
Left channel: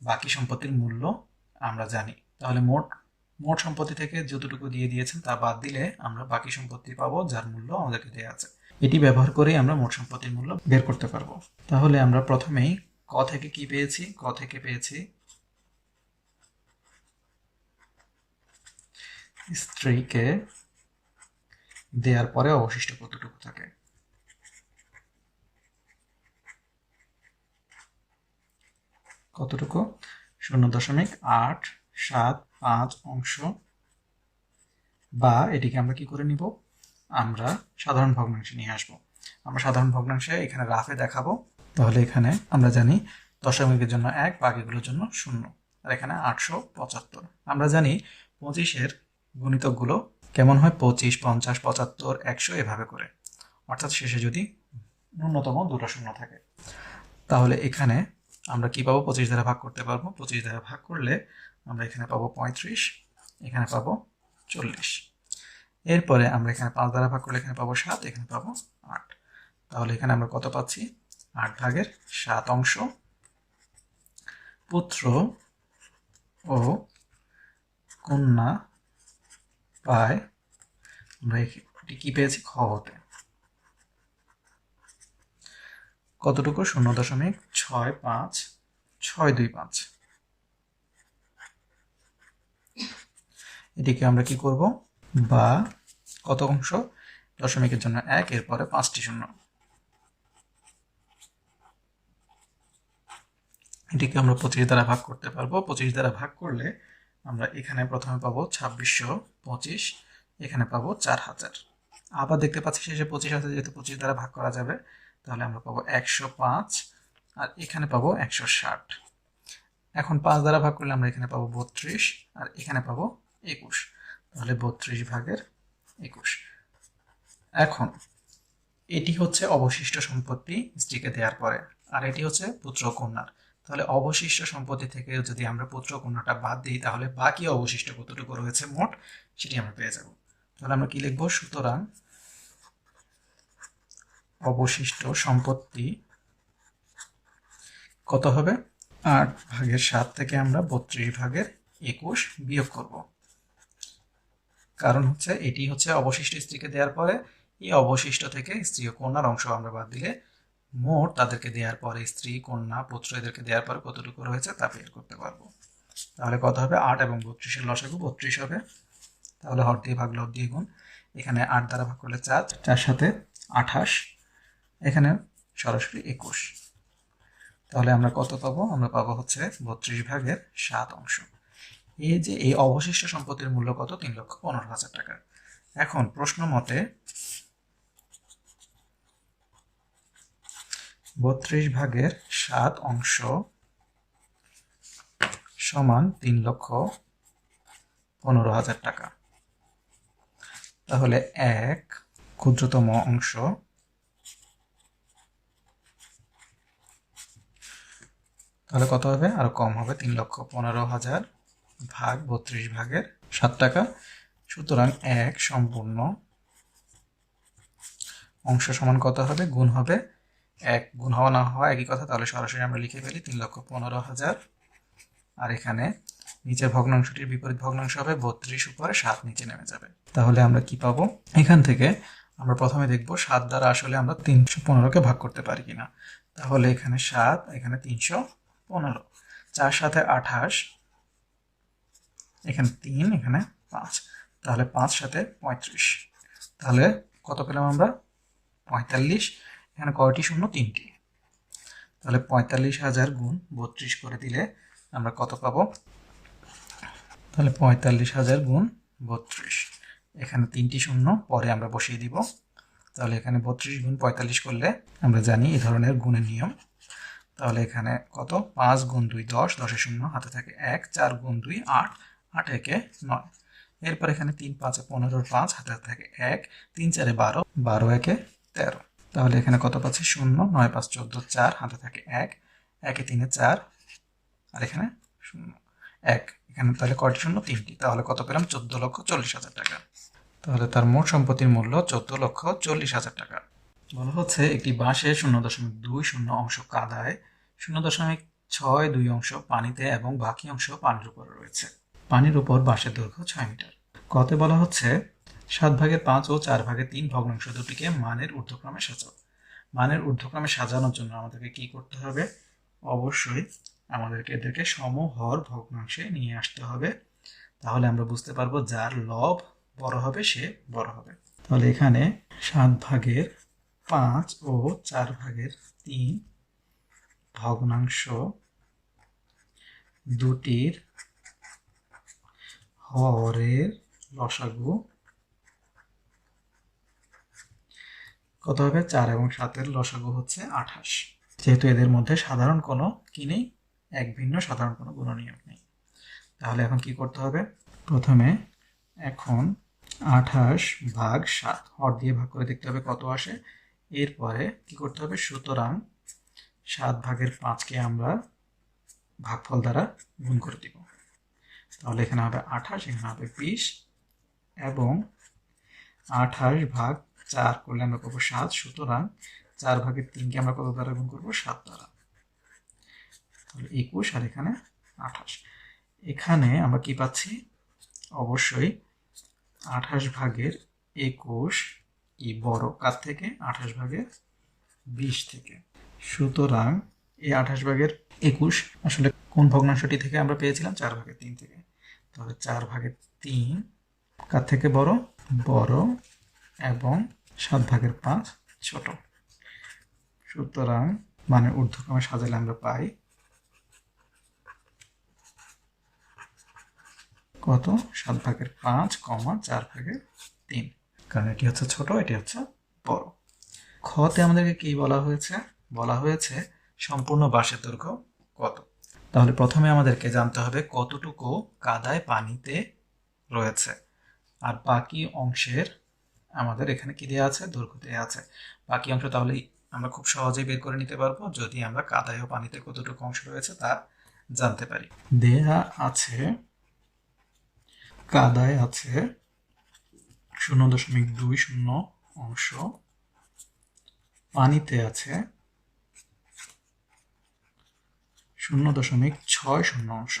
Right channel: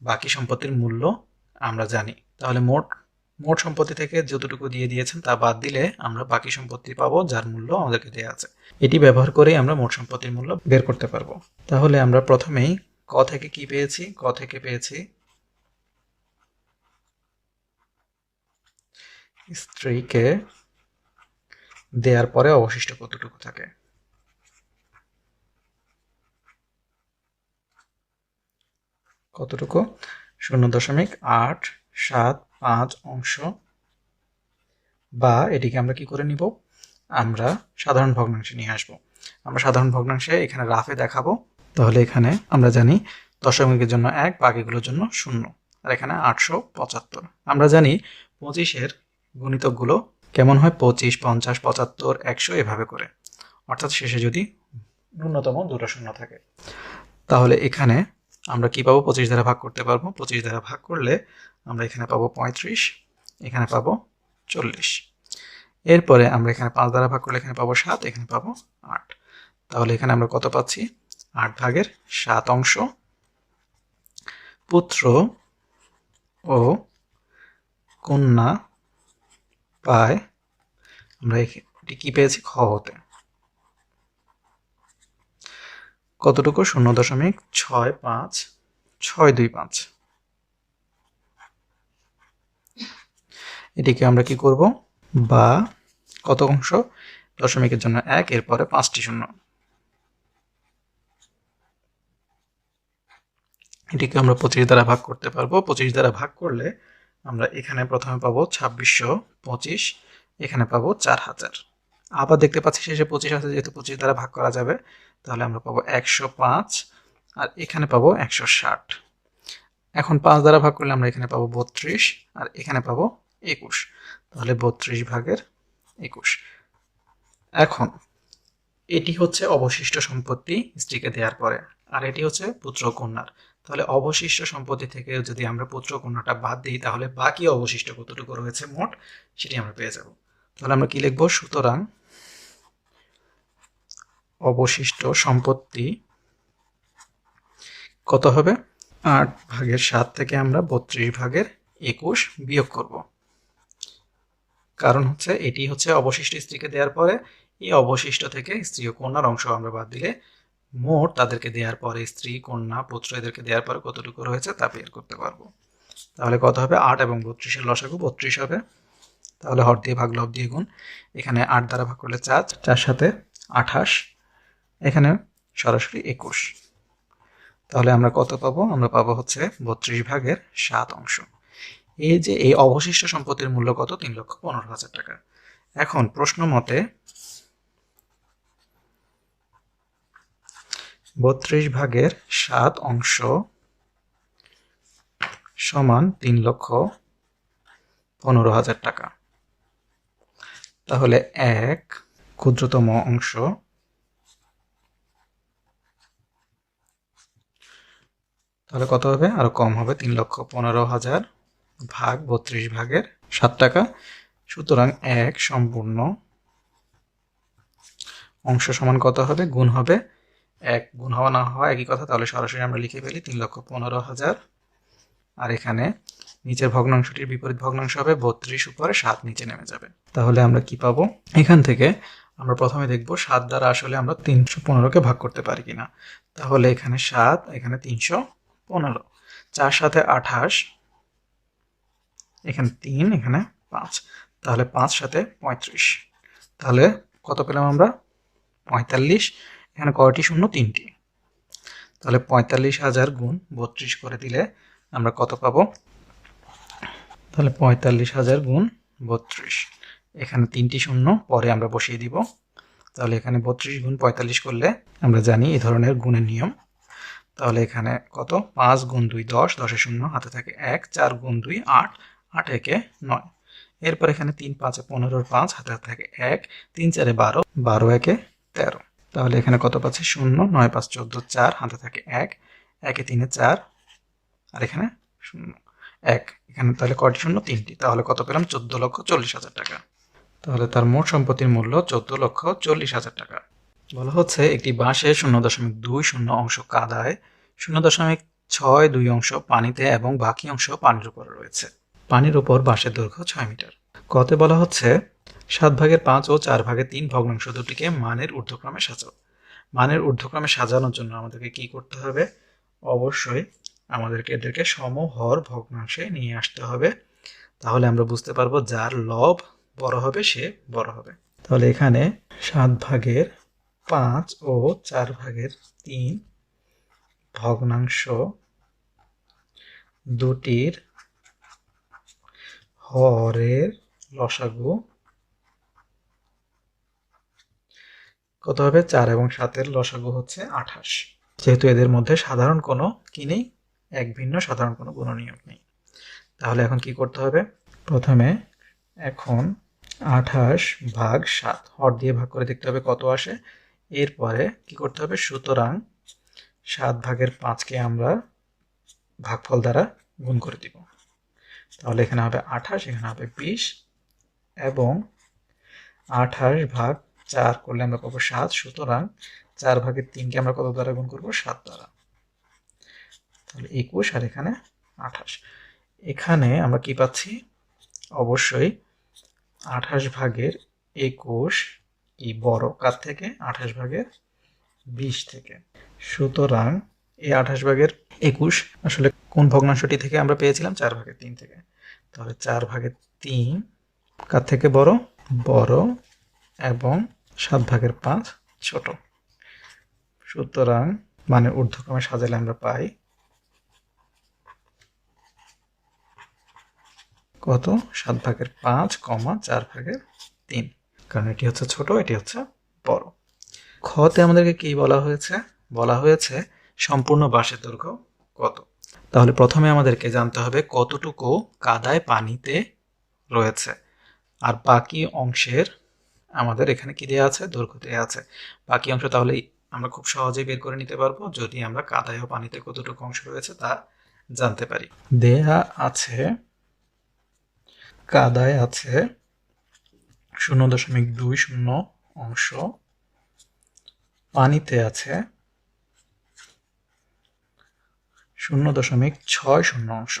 বাকি সম্পত্তির মূল্য আমরা জানি। তাহলে মোট সম্পত্তি থেকে যতটুকু দিয়ে দিয়েছেন তা বাদ দিলে আমরা বাকি সম্পত্তি পাবো যার মূল্য আমাদেরকে দেওয়া আছে। এটি ব্যবহার করে আমরা মোট সম্পত্তির মূল্য বের করতে পারবো। তাহলে আমরা প্রথমেই ক থেকে কি পেয়েছি? ক থেকে পেয়েছি স্ত্রীকে দেওয়ার পরে অবশিষ্ট কতটুকু থাকে। কতটুকু? 0.875 অংশ, বা এটিকে আমরা কি করে নিব? আমরা সাধারণ ভগ্নাংশে নিয়ে আসব। আমরা সাধারণ ভগ্নাংশে এখানে রাফে দেখাবো। তাহলে এখানে আমরা জানি দশমিকের জন্য 1, বাকিগুলোর জন্য 0, আর এখানে 875। আমরা জানি 25-এর গুণিতকগুলো কেমন হয়? 25, 50, 75, 100 এভাবে করে, অর্থাৎ শেষে যদি ন্যূনতম দুটো শূন্য থাকে। তাহলে এখানে আমরা কি পাবো? 25 দ্বারা ভাগ করতে পারবো। 25 দ্বারা ভাগ করলে আমরা এখানে পাবো 35, এখানে পাবো 40। এরপরে আমরা এখানে 5 দ্বারা ভাগ করলে এখানে পাবো 7, এখানে পাবো 8। তাহলে এখানে আমরা কত পাচ্ছি? 8/7 অংশ পুত্র ও কন্যা পায়। আমরা এটি কি পেয়েছি? খ হতে কতটুকু? 0.65625। এটিকে আমরা কি করব? বা কত অংশ? দশমিকের জন্য 1, এরপরে 5টি শূন্য। এটিকে আমরা 25 দ্বারা ভাগ করতে পারবো। 25 দ্বারা ভাগ করলে আমরা এখানে প্রথমে পাবো 2625, এখানে পাবো 4000। আবার দেখতে পাচ্ছি শেষে 25 আছে, যেহেতু 25 দ্বারা ভাগ করা যাবে, তাহলে আমরা পাবো 105, আর এখানে পাবো 160। এখন 5 দ্বারা ভাগ করলে আমরা এখানে পাবো 32, আর এখানে পাবো 21। তাহলে 32/21। এখন এটি হচ্ছে অবশিষ্ট সম্পত্তি স্ত্রীকে দেওয়ার পরে, আর এটি হচ্ছে পুত্র কন্যার। তাহলে অবশিষ্ট সম্পত্তি থেকে যদি আমরা পুত্র কন্যাটা বাদ দিই, তাহলে বাকি অবশিষ্ট কতটুকু রয়েছে মোট, সেটি আমরা পেয়ে যাব। তাহলে আমরা কি লিখবো? সুতরাং অবশিষ্ট সম্পত্তি কত হবে? 8/7 থেকে আমরা 32/21 বিয়োগ করব। কারণ হচ্ছে এটি হচ্ছে অবশিষ্ট স্ত্রীকে দেওয়ার পরে, এই অবশিষ্ট থেকে স্ত্রী ও কন্যার অংশ আমরা বাদ দিলে মোট তাদেরকে দেওয়ার পরে, স্ত্রী, কন্যা, পুত্র এদেরকে দেওয়ার পরে কতটুকু রয়েছে তা বের করতে পারবো। তাহলে কত হবে? 8 এবং 32-এর লসাগু 32 হবে। তাহলে হর দিয়ে ভাগ, লব দিয়ে গুণ। এখানে 8 দ্বারা ভাগ করলে 4, 4 সাথে 28, এখানে সরাসরি 21। তাহলে আমরা কত পাবো? আমরা পাবো হচ্ছে 32/7 অংশ। এই যে এই অবশিষ্ট সম্পত্তির মূল্য কত? 3,15,000 টাকা। এখন প্রশ্ন মতে 32/7 অংশ সমান 3,15,000 টাকা। তাহলে এক ক্ষুদ্রতম অংশ তাহলে কত হবে? আরো কম হবে, 3,15,000 ভাগ 32/7 টাকা। সুতরাং এক সম্পূর্ণ অংশ সমান কত হবে? গুণ হবে এক গুণ হওয়া না হওয়া একই কথা, তাহলে সরাসরি আমরা লিখে ফেলি 3,15,000। আর এখানে নিচের ভগ্নাংশটির বিপরীত ভগ্নাংশ হবে 32 উপরে 7 নিচে নেমে যাবে। তাহলে আমরা কি পাবো? এখান থেকে আমরা প্রথমে দেখব 7 দ্বারা আসলে আমরা 315কে ভাগ করতে পারি কিনা। তাহলে এখানে 7, এখানে 315, 4 সাথে 28, এখানে 3, এখানে 5, তাহলে 5 সাথে 35। তাহলে কত পেলাম আমরা? 45। এখানে কয়টি শূন্য? 3টি। তাহলে 45,000 গুণ 32 করে দিলে আমরা কত পাবো? তাহলে 45,000 গুণ 32, এখানে 3টি শূন্য পরে আমরা বসিয়ে দিব। তাহলে এখানে 32 গুণ 45 করলে আমরা জানি এই ধরনের গুণের নিয়ম। তাহলে এখানে কত? 5 গুণ 2 10, 10 শূন্য হাতে থাকে 1, 4 গুণ 2 8, 8 একে 9। এরপর এখানে 3 5 15, 5 হাতে থাকে 1, 3 4 12, 12 একে 13। তাহলে এখানে কত পাচ্ছি? 0, 9 5 14, 4 হাতে থাকে 1, 1 3 4, আর এখানে 0 1। এখানে তাহলে কয়টি শূন্য? 3টি। তাহলে কত পেলাম? 14,40,000 টাকা। তাহলে তার মোট সম্পত্তির মূল্য 14,40,000 টাকা। বলা হচ্ছে একটি বাঁশে 0.20 অংশ কাদায়, 0.62 অংশ পানিতে এবং বাকি অংশ পানির উপর রয়েছে। পানির উপর বাঁশের দৈর্ঘ্য 6 মিটার। কতে বলা হচ্ছে 7/5 ও 4/3 ভগ্নাংশ দুটিকে মানের ঊর্ধ্বক্রমে সাজাও। মানের ঊর্ধ্বক্রমে সাজানোর জন্য আমাদেরকে কি করতে হবে? অবশ্যই আমাদেরকে এদেরকে সমহর ভগ্নাংশে নিয়ে আসতে হবে। তাহলে আমরা বুঝতে পারবো যার লব বড় হবে সে বড় হবে। তাহলে এখানে 7/5 ও 4/3 ভগ্নাংশ দুটির হরের লসাগু কত হবে? 4 এবং 7-এর লসাগু হচ্ছে 28। যেহেতু এদের মধ্যে সাধারণ কোনো কি নেই, এক ভিন্ন সাধারণ কোনো গুণনীয়ক নেই। তাহলে এখন কি করতে হবে? প্রথমে এখন 28/7 হর দিয়ে ভাগ করে দেখতে হবে কত আসে। এরপরে কি করতে হবে? সুতরাং 7/5কে আমরা ভাগফল দ্বারা গুণ করে দিব। তাহলে এখানে হবে 28, এখানে হবে 20, এবং 28/4 করলে আমরা পাবো 7। সুতরাং 4/3কে আমরা কত দ্বারা গুণ করবো? 7 দ্বারা। তাহলে 21, আর এখানে 28। এখানে আমরা কি পাচ্ছি? অবশ্যই 28/21 কি বড় কার থেকে? 28/20 থেকে। সুতরাং এই 28/21 আসলে কোন ভগ্নাংশটি থেকে আমরা পেয়েছিলাম? 4/3 থেকে। তাহলে 4/3 কার থেকে বড়? বড়, এবং 7/5 ছোট। সুতরাং মানে ঊর্ধ্বক্রমে সাজালে আমরা পাই কত? 7/5, 4/3, কারণ এটি হচ্ছে ছোট, এটি হচ্ছে বড়। খতে আমাদেরকে কি বলা হয়েছে? বলা হয়েছে সম্পূর্ণ বাঁশের দৈর্ঘ্য কত। তাহলে প্রথমে আমাদেরকে জানতে হবে কতটুকু কাদায় পানিতে রয়েছে, আর বাকি অংশের আমাদের এখানে কি দেওয়া আছে? দৈর্ঘ্য দেওয়া আছে। বাকি অংশ তাহলে আমরা খুব সহজেই বের করে নিতে পারবো যদি আমরা কাদায় ও পানিতে কতটুকু অংশ রয়েছে তা জানতে পারি। দেয়া আছে কাদায় আছে 0.20 অংশ, পানিতে আছে 0.60 অংশ।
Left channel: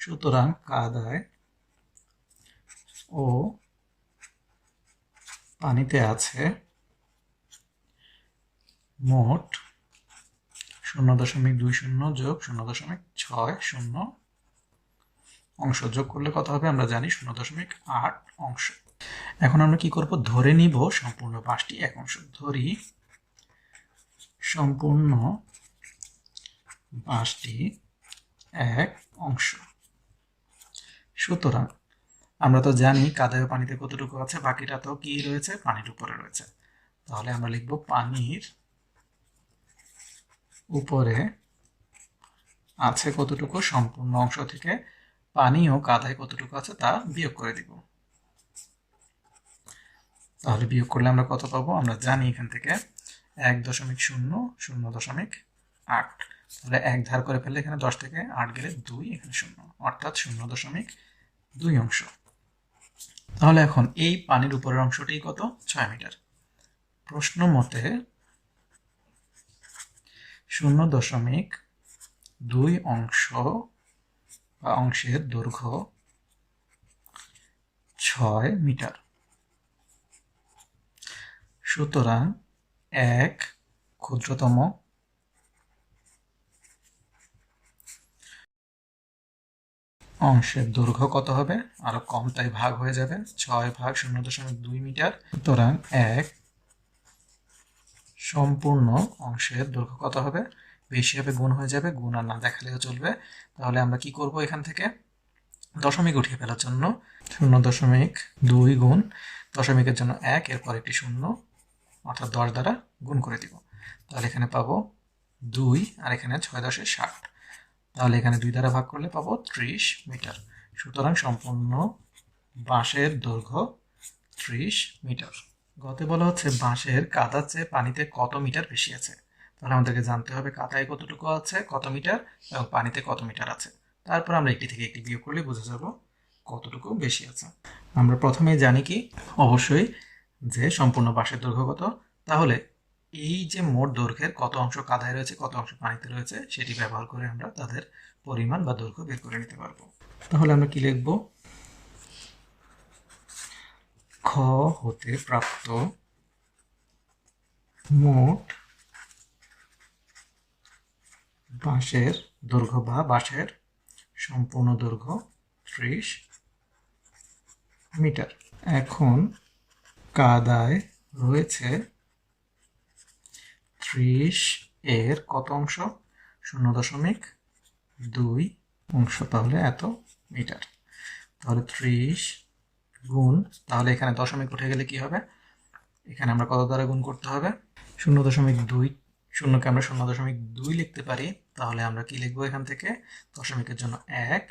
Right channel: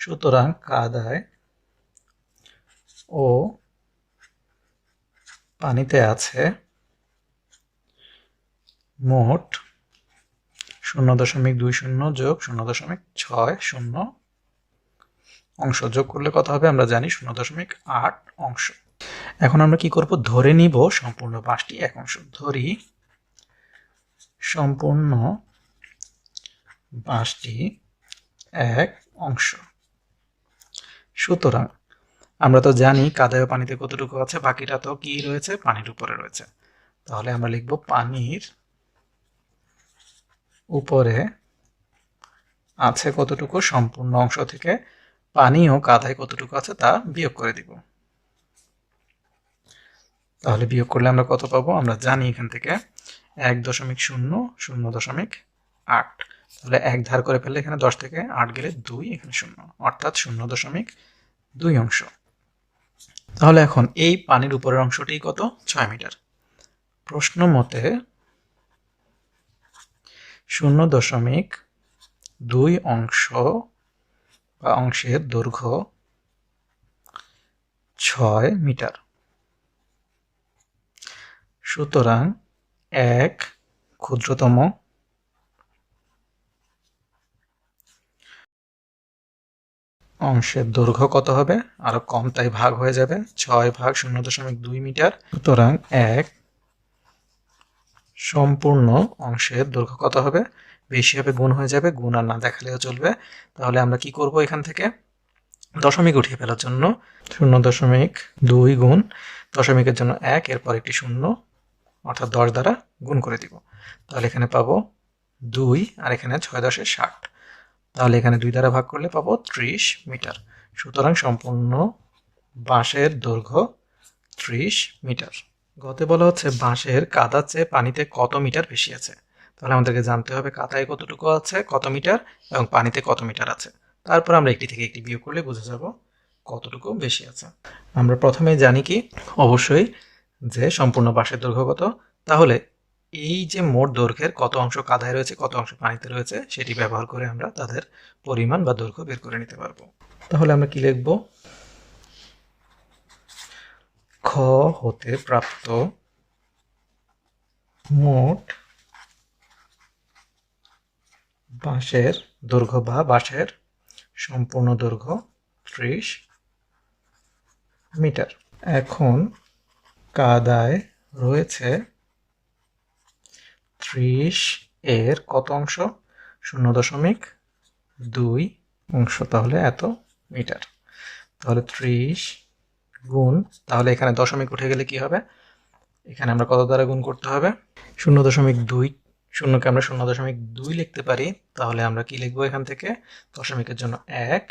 সুতরাং কাদায় ও পানিতে আছে মোট 0.20 যোগ 0.60 অংশ। যোগ করলে কত হবে? আমরা জানি 0.8 অংশ। এখন আমরা কি করব? ধরে নিব সম্পূর্ণ বাঁশটি 1 অংশ। ধরি সম্পূর্ণ বাঁশটি 1 অংশ। সুতরাং আমরা তো জানি কাদায় পানিতে কতটুকু আছে, বাকিটা তো কি রয়েছে? পানির উপরে রয়েছে। তাহলে আমরা লিখব পানির উপরে আছে কতটুকু? সম্পূর্ণ অংশ থেকে পানি ও কাদায় কতটুকু আছে তা বিয়োগ করে দিব। তাহলে বিয়োগ করলে আমরা কত পাবো? আমরা জানি এখান থেকে 1.0, 0.8। তাহলে 1 ধার করে ফেললে এখানে 10 থেকে 8 গেলে 2, এখানে 0, অর্থাৎ 0.2 অংশ। তাহলে এখন এই পানির উপরের অংশটি কত? 6 মিটার। প্রশ্ন মতে 0.2 অংশ বা অংশের দৈর্ঘ্য 6 মিটার। সুতরাং এক ক্ষুদ্রতম অংশের দৈর্ঘ্য কত হবে? আরো কম, তাই ভাগ হয়ে যাবে, 6 ভাগ 0.2 মিটার। সুতরাং এক সম্পূর্ণ অংশের দৈর্ঘ্য কত হবে? বেশি হবে, গুণ হয়ে যাবে, গুণ আর না দেখালেও চলবে। তাহলে আমরা কি করব, এখান থেকে দশমিক উঠিয়ে ফেলার জন্য 0.2 গুণ দশমিকের জন্য 1, এরপর একটি শূন্য, অর্থাৎ 10 দ্বারা গুণ করে দিব। তাহলে এখানে পাবো 2, আর এখানে 6 10 60। তাহলে এখানে 2 দ্বারা ভাগ করলে পাবো 30 মিটার। সুতরাং সম্পূর্ণ বাঁশের দৈর্ঘ্য 30 মিটার। গতে বলা হচ্ছে বাঁশের কাদার চেয়ে পানিতে কত মিটার বেশি আছে। তাহলে আমাদেরকে জানতে হবে কাদায় কতটুকু আছে, কত মিটার, এবং পানিতে কত মিটার আছে। তারপর আমরা একটি থেকে একটি বিয়োগ করলে বুঝে যাব কতটুকু বেশি আছে। আমরা প্রথমেই জানি কি, অবশ্যই যে সম্পূর্ণ বাঁশের দৈর্ঘ্য কত। তাহলে এই যে মোট দৈর্ঘ্যের কত অংশ কাদায় রয়েছে, কত অংশ পানিতে রয়েছে, সেটি ব্যবহার করে আমরা তাদের পরিমাণ বা দৈর্ঘ্য বের করে নিতে পারবো। তাহলে আমরা কি লিখব? খ হতে প্রাপ্ত মোট বাঁশের দৈর্ঘ্য বা বাঁশের সম্পূর্ণ দৈর্ঘ্য 30 মিটার। এখন কাদায় রয়েছে 30 এর কত অংশ? 0.2 অংশ, তাহলে এত মিটার। তাহলে 30 গুণ, তাহলে এখানে দশমিক উঠে গেলে কি হবে? এখানে আমরা কত দ্বারা গুণ করতে হবে? 0.2, শূন্যকে আমরা 0.2 লিখতে পারি। তাহলে আমরা কি লিখবো এখান থেকে? দশমিকের জন্য 1,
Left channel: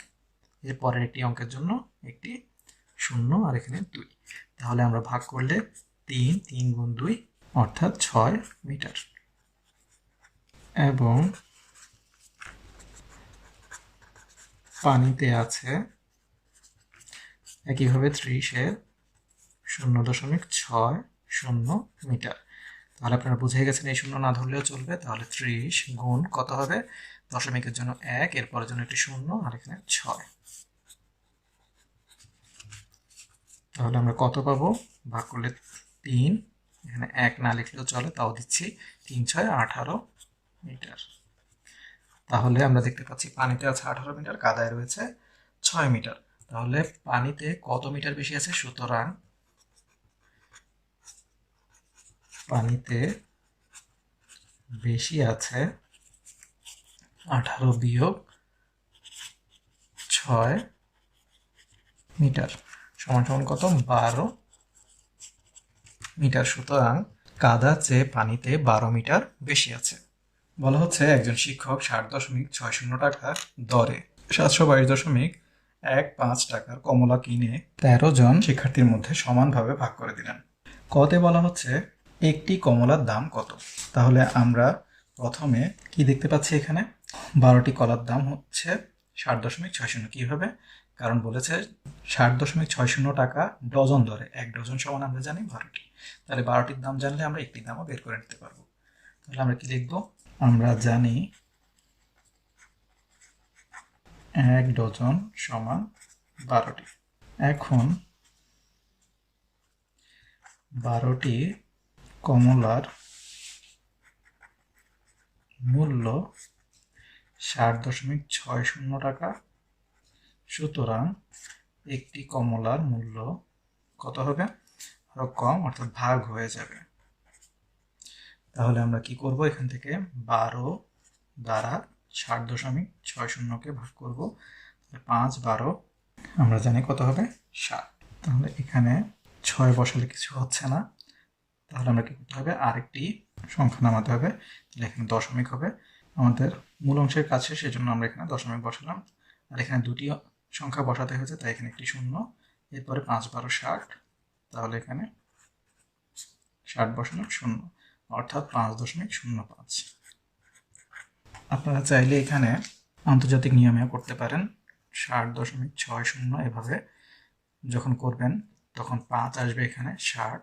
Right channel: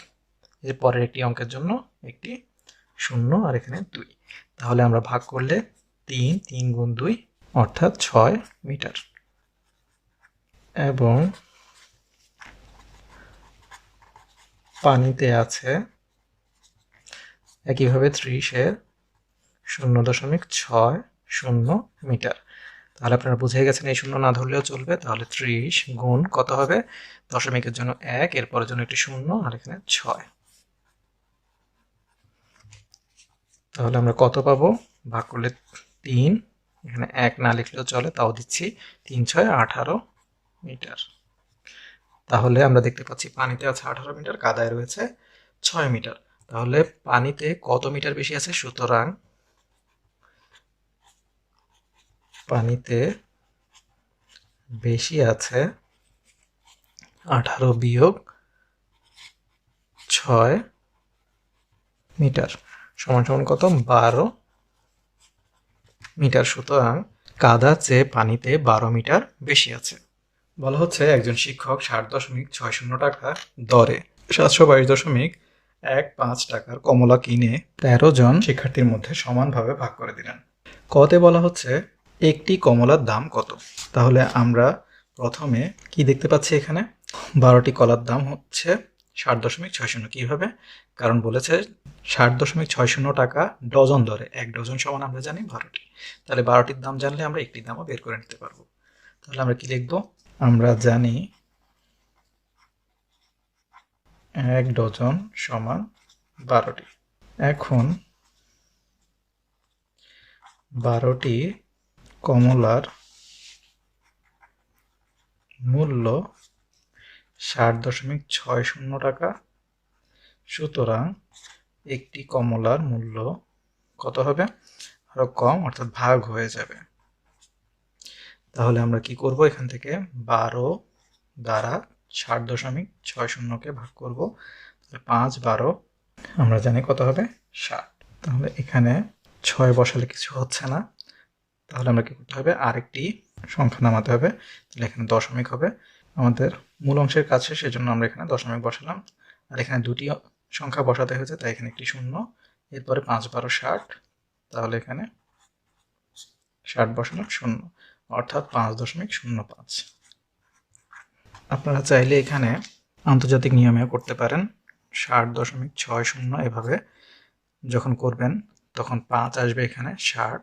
এর পরের একটি অঙ্কের জন্য একটি শূন্য, আর এখানে 2। তাহলে আমরা ভাগ করলে 3 গুণ 2 অর্থাৎ 6 মিটার। এবং পানিতে আছে একইভাবে 30 এর 0.60 মিটার। তাহলে আপনারা বুঝে গেছেন, এই শূন্য না ধরলেও চলবে। তাহলে 30 গুণ কত হবে? দশমিকের জন্য 1, এরপরের জন্য একটি শূন্য, আর এখানে 6। তাহলে আমরা কত পাবো? ভাগ করলে 3, এখানে 1 না লিখলেও চলে, তাও দিচ্ছি, 3 6 18 মিটার। তাহলে আমরা দেখতে পাচ্ছি পানিতে আছে 18 মিটার, কাদায় রয়েছে 6 মিটার। তাহলে পানিতে কত মিটার বেশি আছে? সুতরাং পানিতে বেশি আছে 18 বিয়োগ 6 মিটার সমান সমান কত? 12 মিটার। সুতরাং কাদা চেয়ে পানিতে 12 মিটার বেশি আছে। বলা হচ্ছে একজন শিক্ষক 60.60 টাকা দরে 722.15 টাকার কমলা কিনে 13 জন শিক্ষার্থীর মধ্যে সমানভাবে ভাগ করে দিলেন। কতে বলা হচ্ছে একটি কমলার দাম কত। তাহলে আমরা প্রথমে কি দেখতে পাচ্ছি, এখানে 12টি কলার দাম হচ্ছে 60.60। কিভাবে? কারণ বলেছে 60.60 টাকা ডজন দরে, 1 ডজন সমান আমরা জানি 12টি। তাহলে 12টির দাম জানলে আমরা একটি দামও বের করে নিতে পারবো। তাহলে আমরা কি লিখবো? আমরা জানি 1 ডজন সমান 12টি। এখন 12টি কমলার মূল্য 60.60 টাকা। সুতরাং একটি কমলার মূল্য কত হবে? আরো কম, অর্থাৎ ভাগ হয়ে যাবে। তাহলে আমরা কি করব? এখান থেকে 12 দ্বারা 60.60কে ভাগ করব। 5 12, আমরা জানি কত হবে? 7। তাহলে এখানে 6 বসালে কিছু হচ্ছে না, তাহলে আমরা কি করতে হবে? আরেকটি সংখ্যা নামাতে হবে। তাহলে এখানে দশমিক হবে, আমাদের মূল অংশের কাছে, সেজন্য আমরা এখানে দশমিক বসালাম। আর এখানে দুটি সংখ্যা বসাতে হয়েছে, তাই এখানে একটি শূন্য, এরপরে 5 12 60। তাহলে এখানে 60 বসানো শূন্য, অর্থাৎ 5.05। আপনারা চাইলে এখানে আন্তর্জাতিক নিয়মেও করতে পারেন। 60.60 এভাবে যখন করবেন তখন 5 আসবে এখানে 60,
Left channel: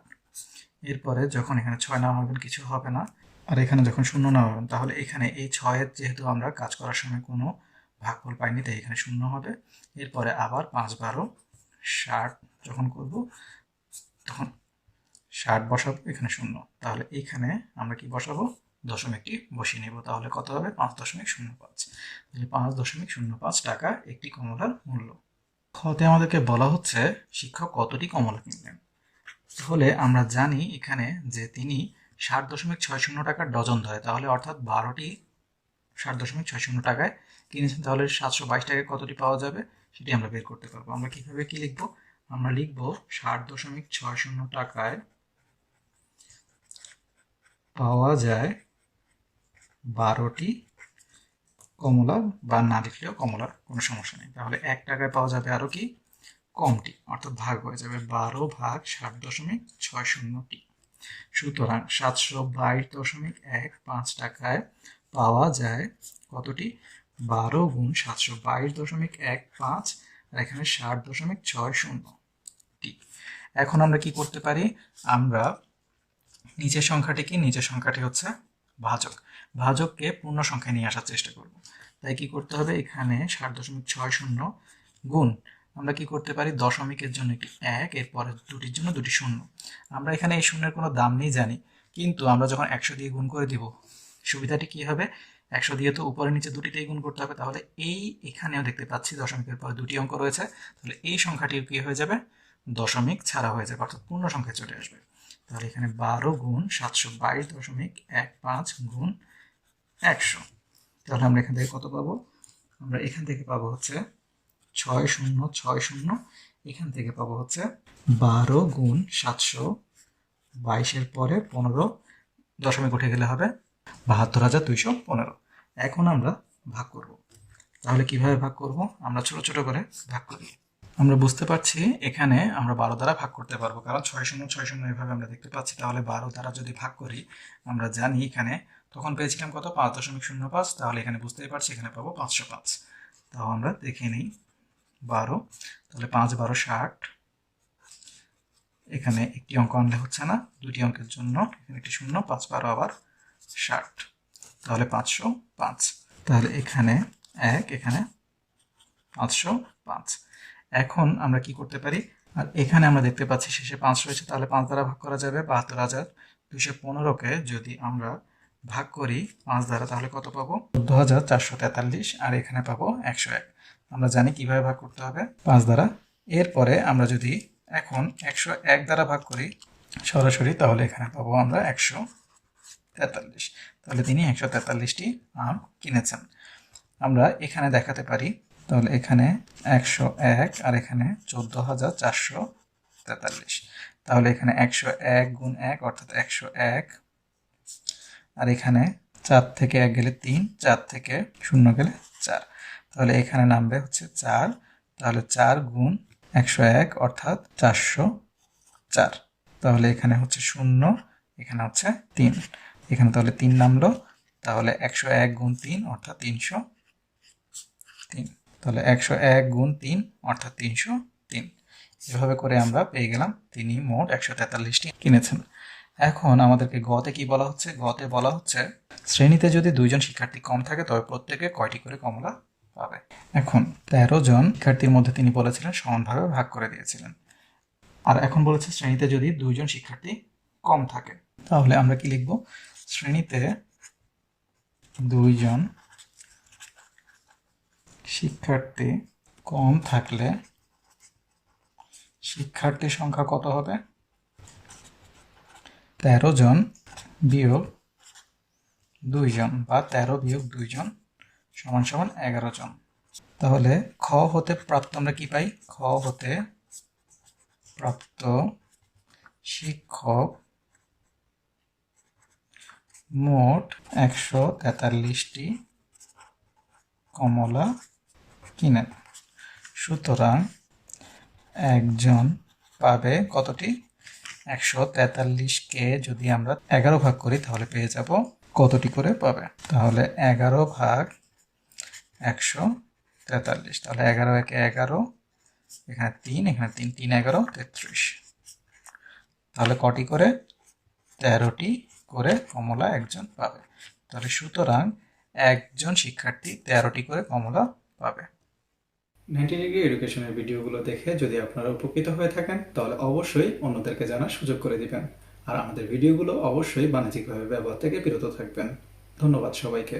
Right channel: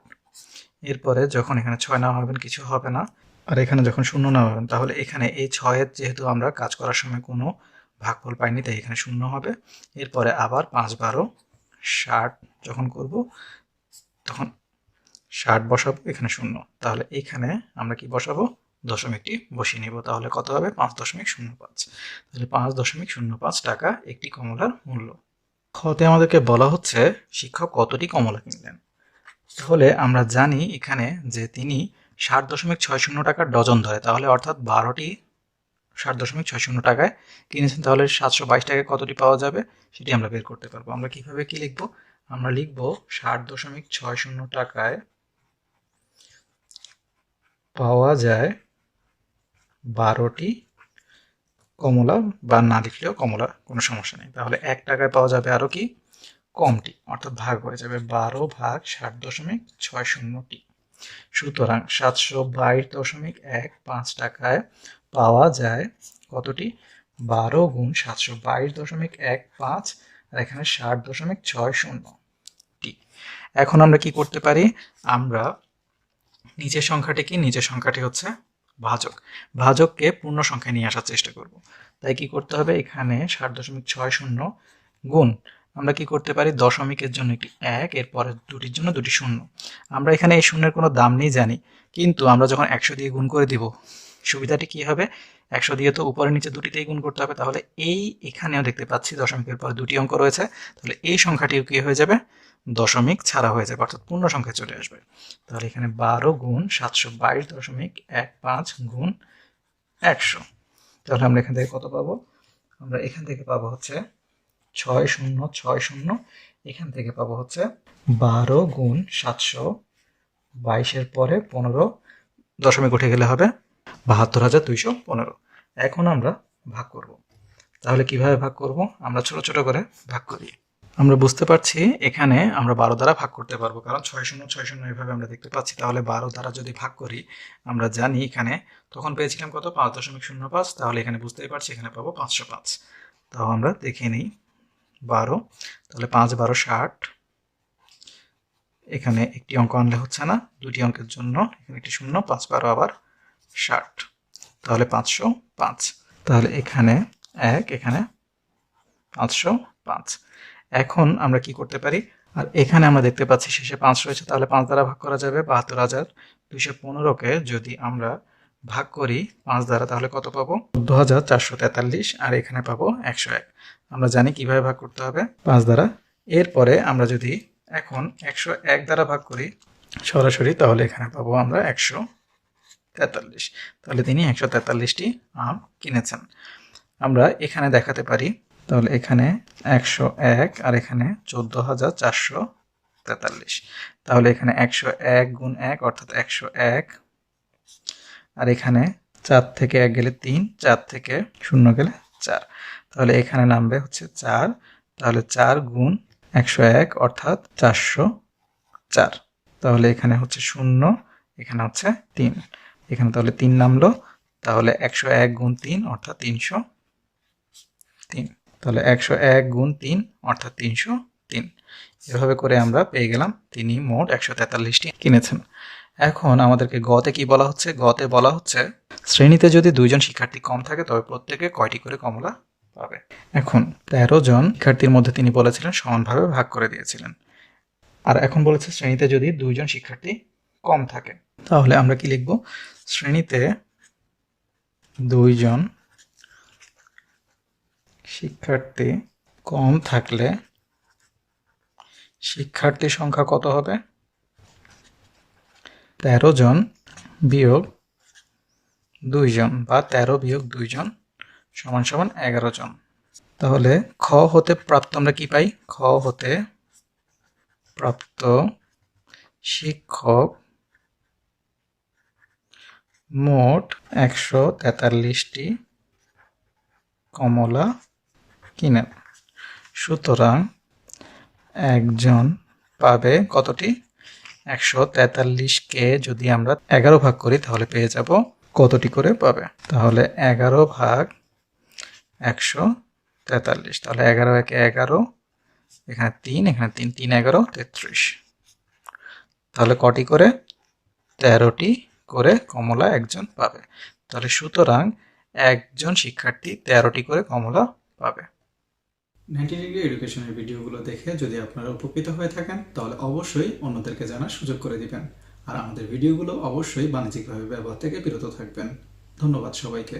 এরপরে যখন এখানে 6 নেওয়া হবেন কিছু হবে না, আর এখানে যখন শূন্য নামাবেন তাহলে এখানে এই 6-এর যেহেতু আমরা কাজ করার সময় কোনো ভাগফল পাইনি তাই এখানে শূন্য হবে। এরপরে আবার 5 12 60 যখন করব তখন 60 বসাবো, এখানে শূন্য। তাহলে এখানে আমরা কি বসাবো? দশমিকটি বসিয়ে নিব। তাহলে কত হবে? 5.05। তাহলে 5.05 টাকা একটি কমলার মূল্য। খতে আমাদেরকে বলা হচ্ছে শিক্ষক কতটি কমলা কিনলেন। তাহলে আমরা জানি এখানে যে তিনি 60.60 টাকার ডজন ধরে, তাহলে অর্থাৎ 12টি 60.60 টাকায় কিনেছেন। তাহলে 722 টাকায় কতটি পাওয়া যাবে সেটি আমরা বের করতে পারবো। আমরা কিভাবে কি লিখবো? আমরা লিখবো 60.60 টাকায় পাওয়া যায় 12টি কমলা, বা না লিখলেও কমলা কোনো সমস্যা নেই। তাহলে 1 টাকায় পাওয়া যাবে আরো কি কমটি, অর্থাৎ ভাগ হয়ে যাবে 12 ভাগ 60.60টি। সুতরাং 722.15 টাকায় পাওয়া যায় কতটি? 12 গুণ 722.15, আর এখানে 60.60টি। এখন আমরা কি করতে পারি? আমরা নিচের সংখ্যাটি কি? নিচের সংখ্যাটি হচ্ছে ভাজক। ভাজককে পূর্ণ সংখ্যায় নিয়ে আসার চেষ্টা করব। তাই কি করতে হবে? এখানে 60.60 গুণ, আমরা কি করতে পারি? দশমিকের জন্য একটি 1, এরপরে দুটির জন্য দুটি শূন্য। আমরা এখানে এই শূন্যের কোনো দাম নেই জানি, কিন্তু আমরা যখন 100 দিয়ে গুণ করে দিব সুবিধাটি কি হবে? 100 দিয়ে তো উপরে নিচে দুটিতেই গুণ করতে হবে। তাহলে এখানেও দেখতে পাচ্ছি দশমিকের পরে দুটি অঙ্ক রয়েছে, তাহলে এই সংখ্যাটিও কি হয়ে যাবে? দশমিক ছাড়া হয়ে যাবে, অর্থাৎ পূর্ণ সংখ্যায় চলে আসবে। তাহলে এখানে 12 গুণ 722.15 গুণ 100। তাহলে আমরা এখান থেকে কত পাবো? আমরা এখান থেকে পাবো হচ্ছে 6060। এখান থেকে পাবো হচ্ছে 12 গুণ 722-এর পরে 15 দশমিক উঠে গেলে হবে 72,215। এখন আমরা ভাগ করব। তাহলে কিভাবে ভাগ করব? আমরা ছোট ছোট করে ভাগ করি। আমরা বুঝতে পারছি এখানে আমরা 12 দ্বারা ভাগ করতে পারবো, কারণ 6060 এভাবে আমরা দেখতে পাচ্ছি। তাহলে 12 দ্বারা যদি ভাগ করি, আমরা জানি এখানে তখন পেয়েছিলাম কত? 5.05। তাহলে এখানে বুঝতেই পারছি এখানে পাবো 505। তাও আমরা দেখে নিই 12। তাহলে 5 12 60। এখানে একটি অঙ্ক আনলে হচ্ছে না, দুটি অঙ্কের জন্য এখানে একটি শূন্য। 5 12 আবার 60, তাহলে 505। তাহলে এখানে 1, এখানে 505। এখন আমরা কি করতে পারি? আর এখানে আমরা দেখতে পাচ্ছি শেষে 5 রয়েছে, তাহলে 5 দ্বারা ভাগ করা যাবে। 72,215-কে যদি আমরা ভাগ করি 5 দ্বারা, তাহলে কত পাবো? 14,443। আর এখানে পাবো 101। আমরা জানি কিভাবে ভাগ করতে হবে, 5 দ্বারা। এরপরে আমরা যদি এখন 101 দ্বারা ভাগ করি সরাসরি, তাহলে এখানে পাবো আমরা 143। তাহলে তিনি 143টি আম কিনেছেন। আমরা এখানে দেখাতে পারি, তাহলে এখানে 101 আর এখানে 14,443। তাহলে এখানে 101 গুণ 1 অর্থাৎ 101, আর এখানে 4 থেকে 1 গেলে 3, 4 থেকে 0 গেলে 4। তাহলে এখানে নামবে হচ্ছে 4। তাহলে 4 গুণ 101 অর্থাৎ 404। তাহলে এখানে হচ্ছে 0, এখানে হচ্ছে 3, এখানে তাহলে 3 নামলো। তাহলে 101 গুণ 3 অর্থাৎ 303। তাহলে 101 গুণ 3 অর্থাৎ 303। এভাবে করে আমরা পেয়ে গেলাম তিনি মোট 143টি কিনেছেন। এখন আমাদেরকে গতে কি বলা হচ্ছে? গতে বলা হচ্ছে শ্রেণীতে যদি 2 জন শিক্ষার্থী কম থাকে তবে প্রত্যেকে কয়টি করে কমলা পাবে। এখন 13 জন শিক্ষার্থীর মধ্যে তিনি বলেছিলেন সমানভাবে ভাগ করে দিয়েছিলেন। আর এখন বলেছে শ্রেণীতে যদি 2 জন শিক্ষার্থী কম থাকে, তাহলে আমরা কি লিখব? শ্রেণীতে 2 জন শিক্ষার্থী কম থাকলে শিক্ষার্থীর সংখ্যা কত হবে? 13 জন বিয়োগ 2 জন, বা 13 বিয়োগ 2 জন সমান সমান 11 জন। তাহলে খ হতে প্রাপ্ত আমরা কি পাই? খ হতে প্রাপ্ত শিক্ষক মোট 143টি কমলা কিনেন। সুতরাং একজন পাবে কতটি? 143-কে যদি আমরা 11 ভাগ করি তাহলে পেয়ে যাব কতটি করে পাবে? তাহলে 11 ভাগ 143। তাহলে 11 একে 11, এখানে 3, এখানে 3 11 33। তাহলে কটি করে? 13টি করে কমলা একজন পাবে। তাহলে সুতরাং একজন শিক্ষার্থী 13টি করে কমলা পাবে। 90 ডিগ্রি এডুকেশনের ভিডিওগুলো দেখে যদি আপনারা উপকৃত হয়ে থাকেন তাহলে অবশ্যই অন্যদেরকে জানার সুযোগ করে দিবেন। আর আমাদের ভিডিওগুলো অবশ্যই বাণিজ্যিকভাবে ব্যবহার থেকে বিরত থাকবেন। ধন্যবাদ সবাইকে।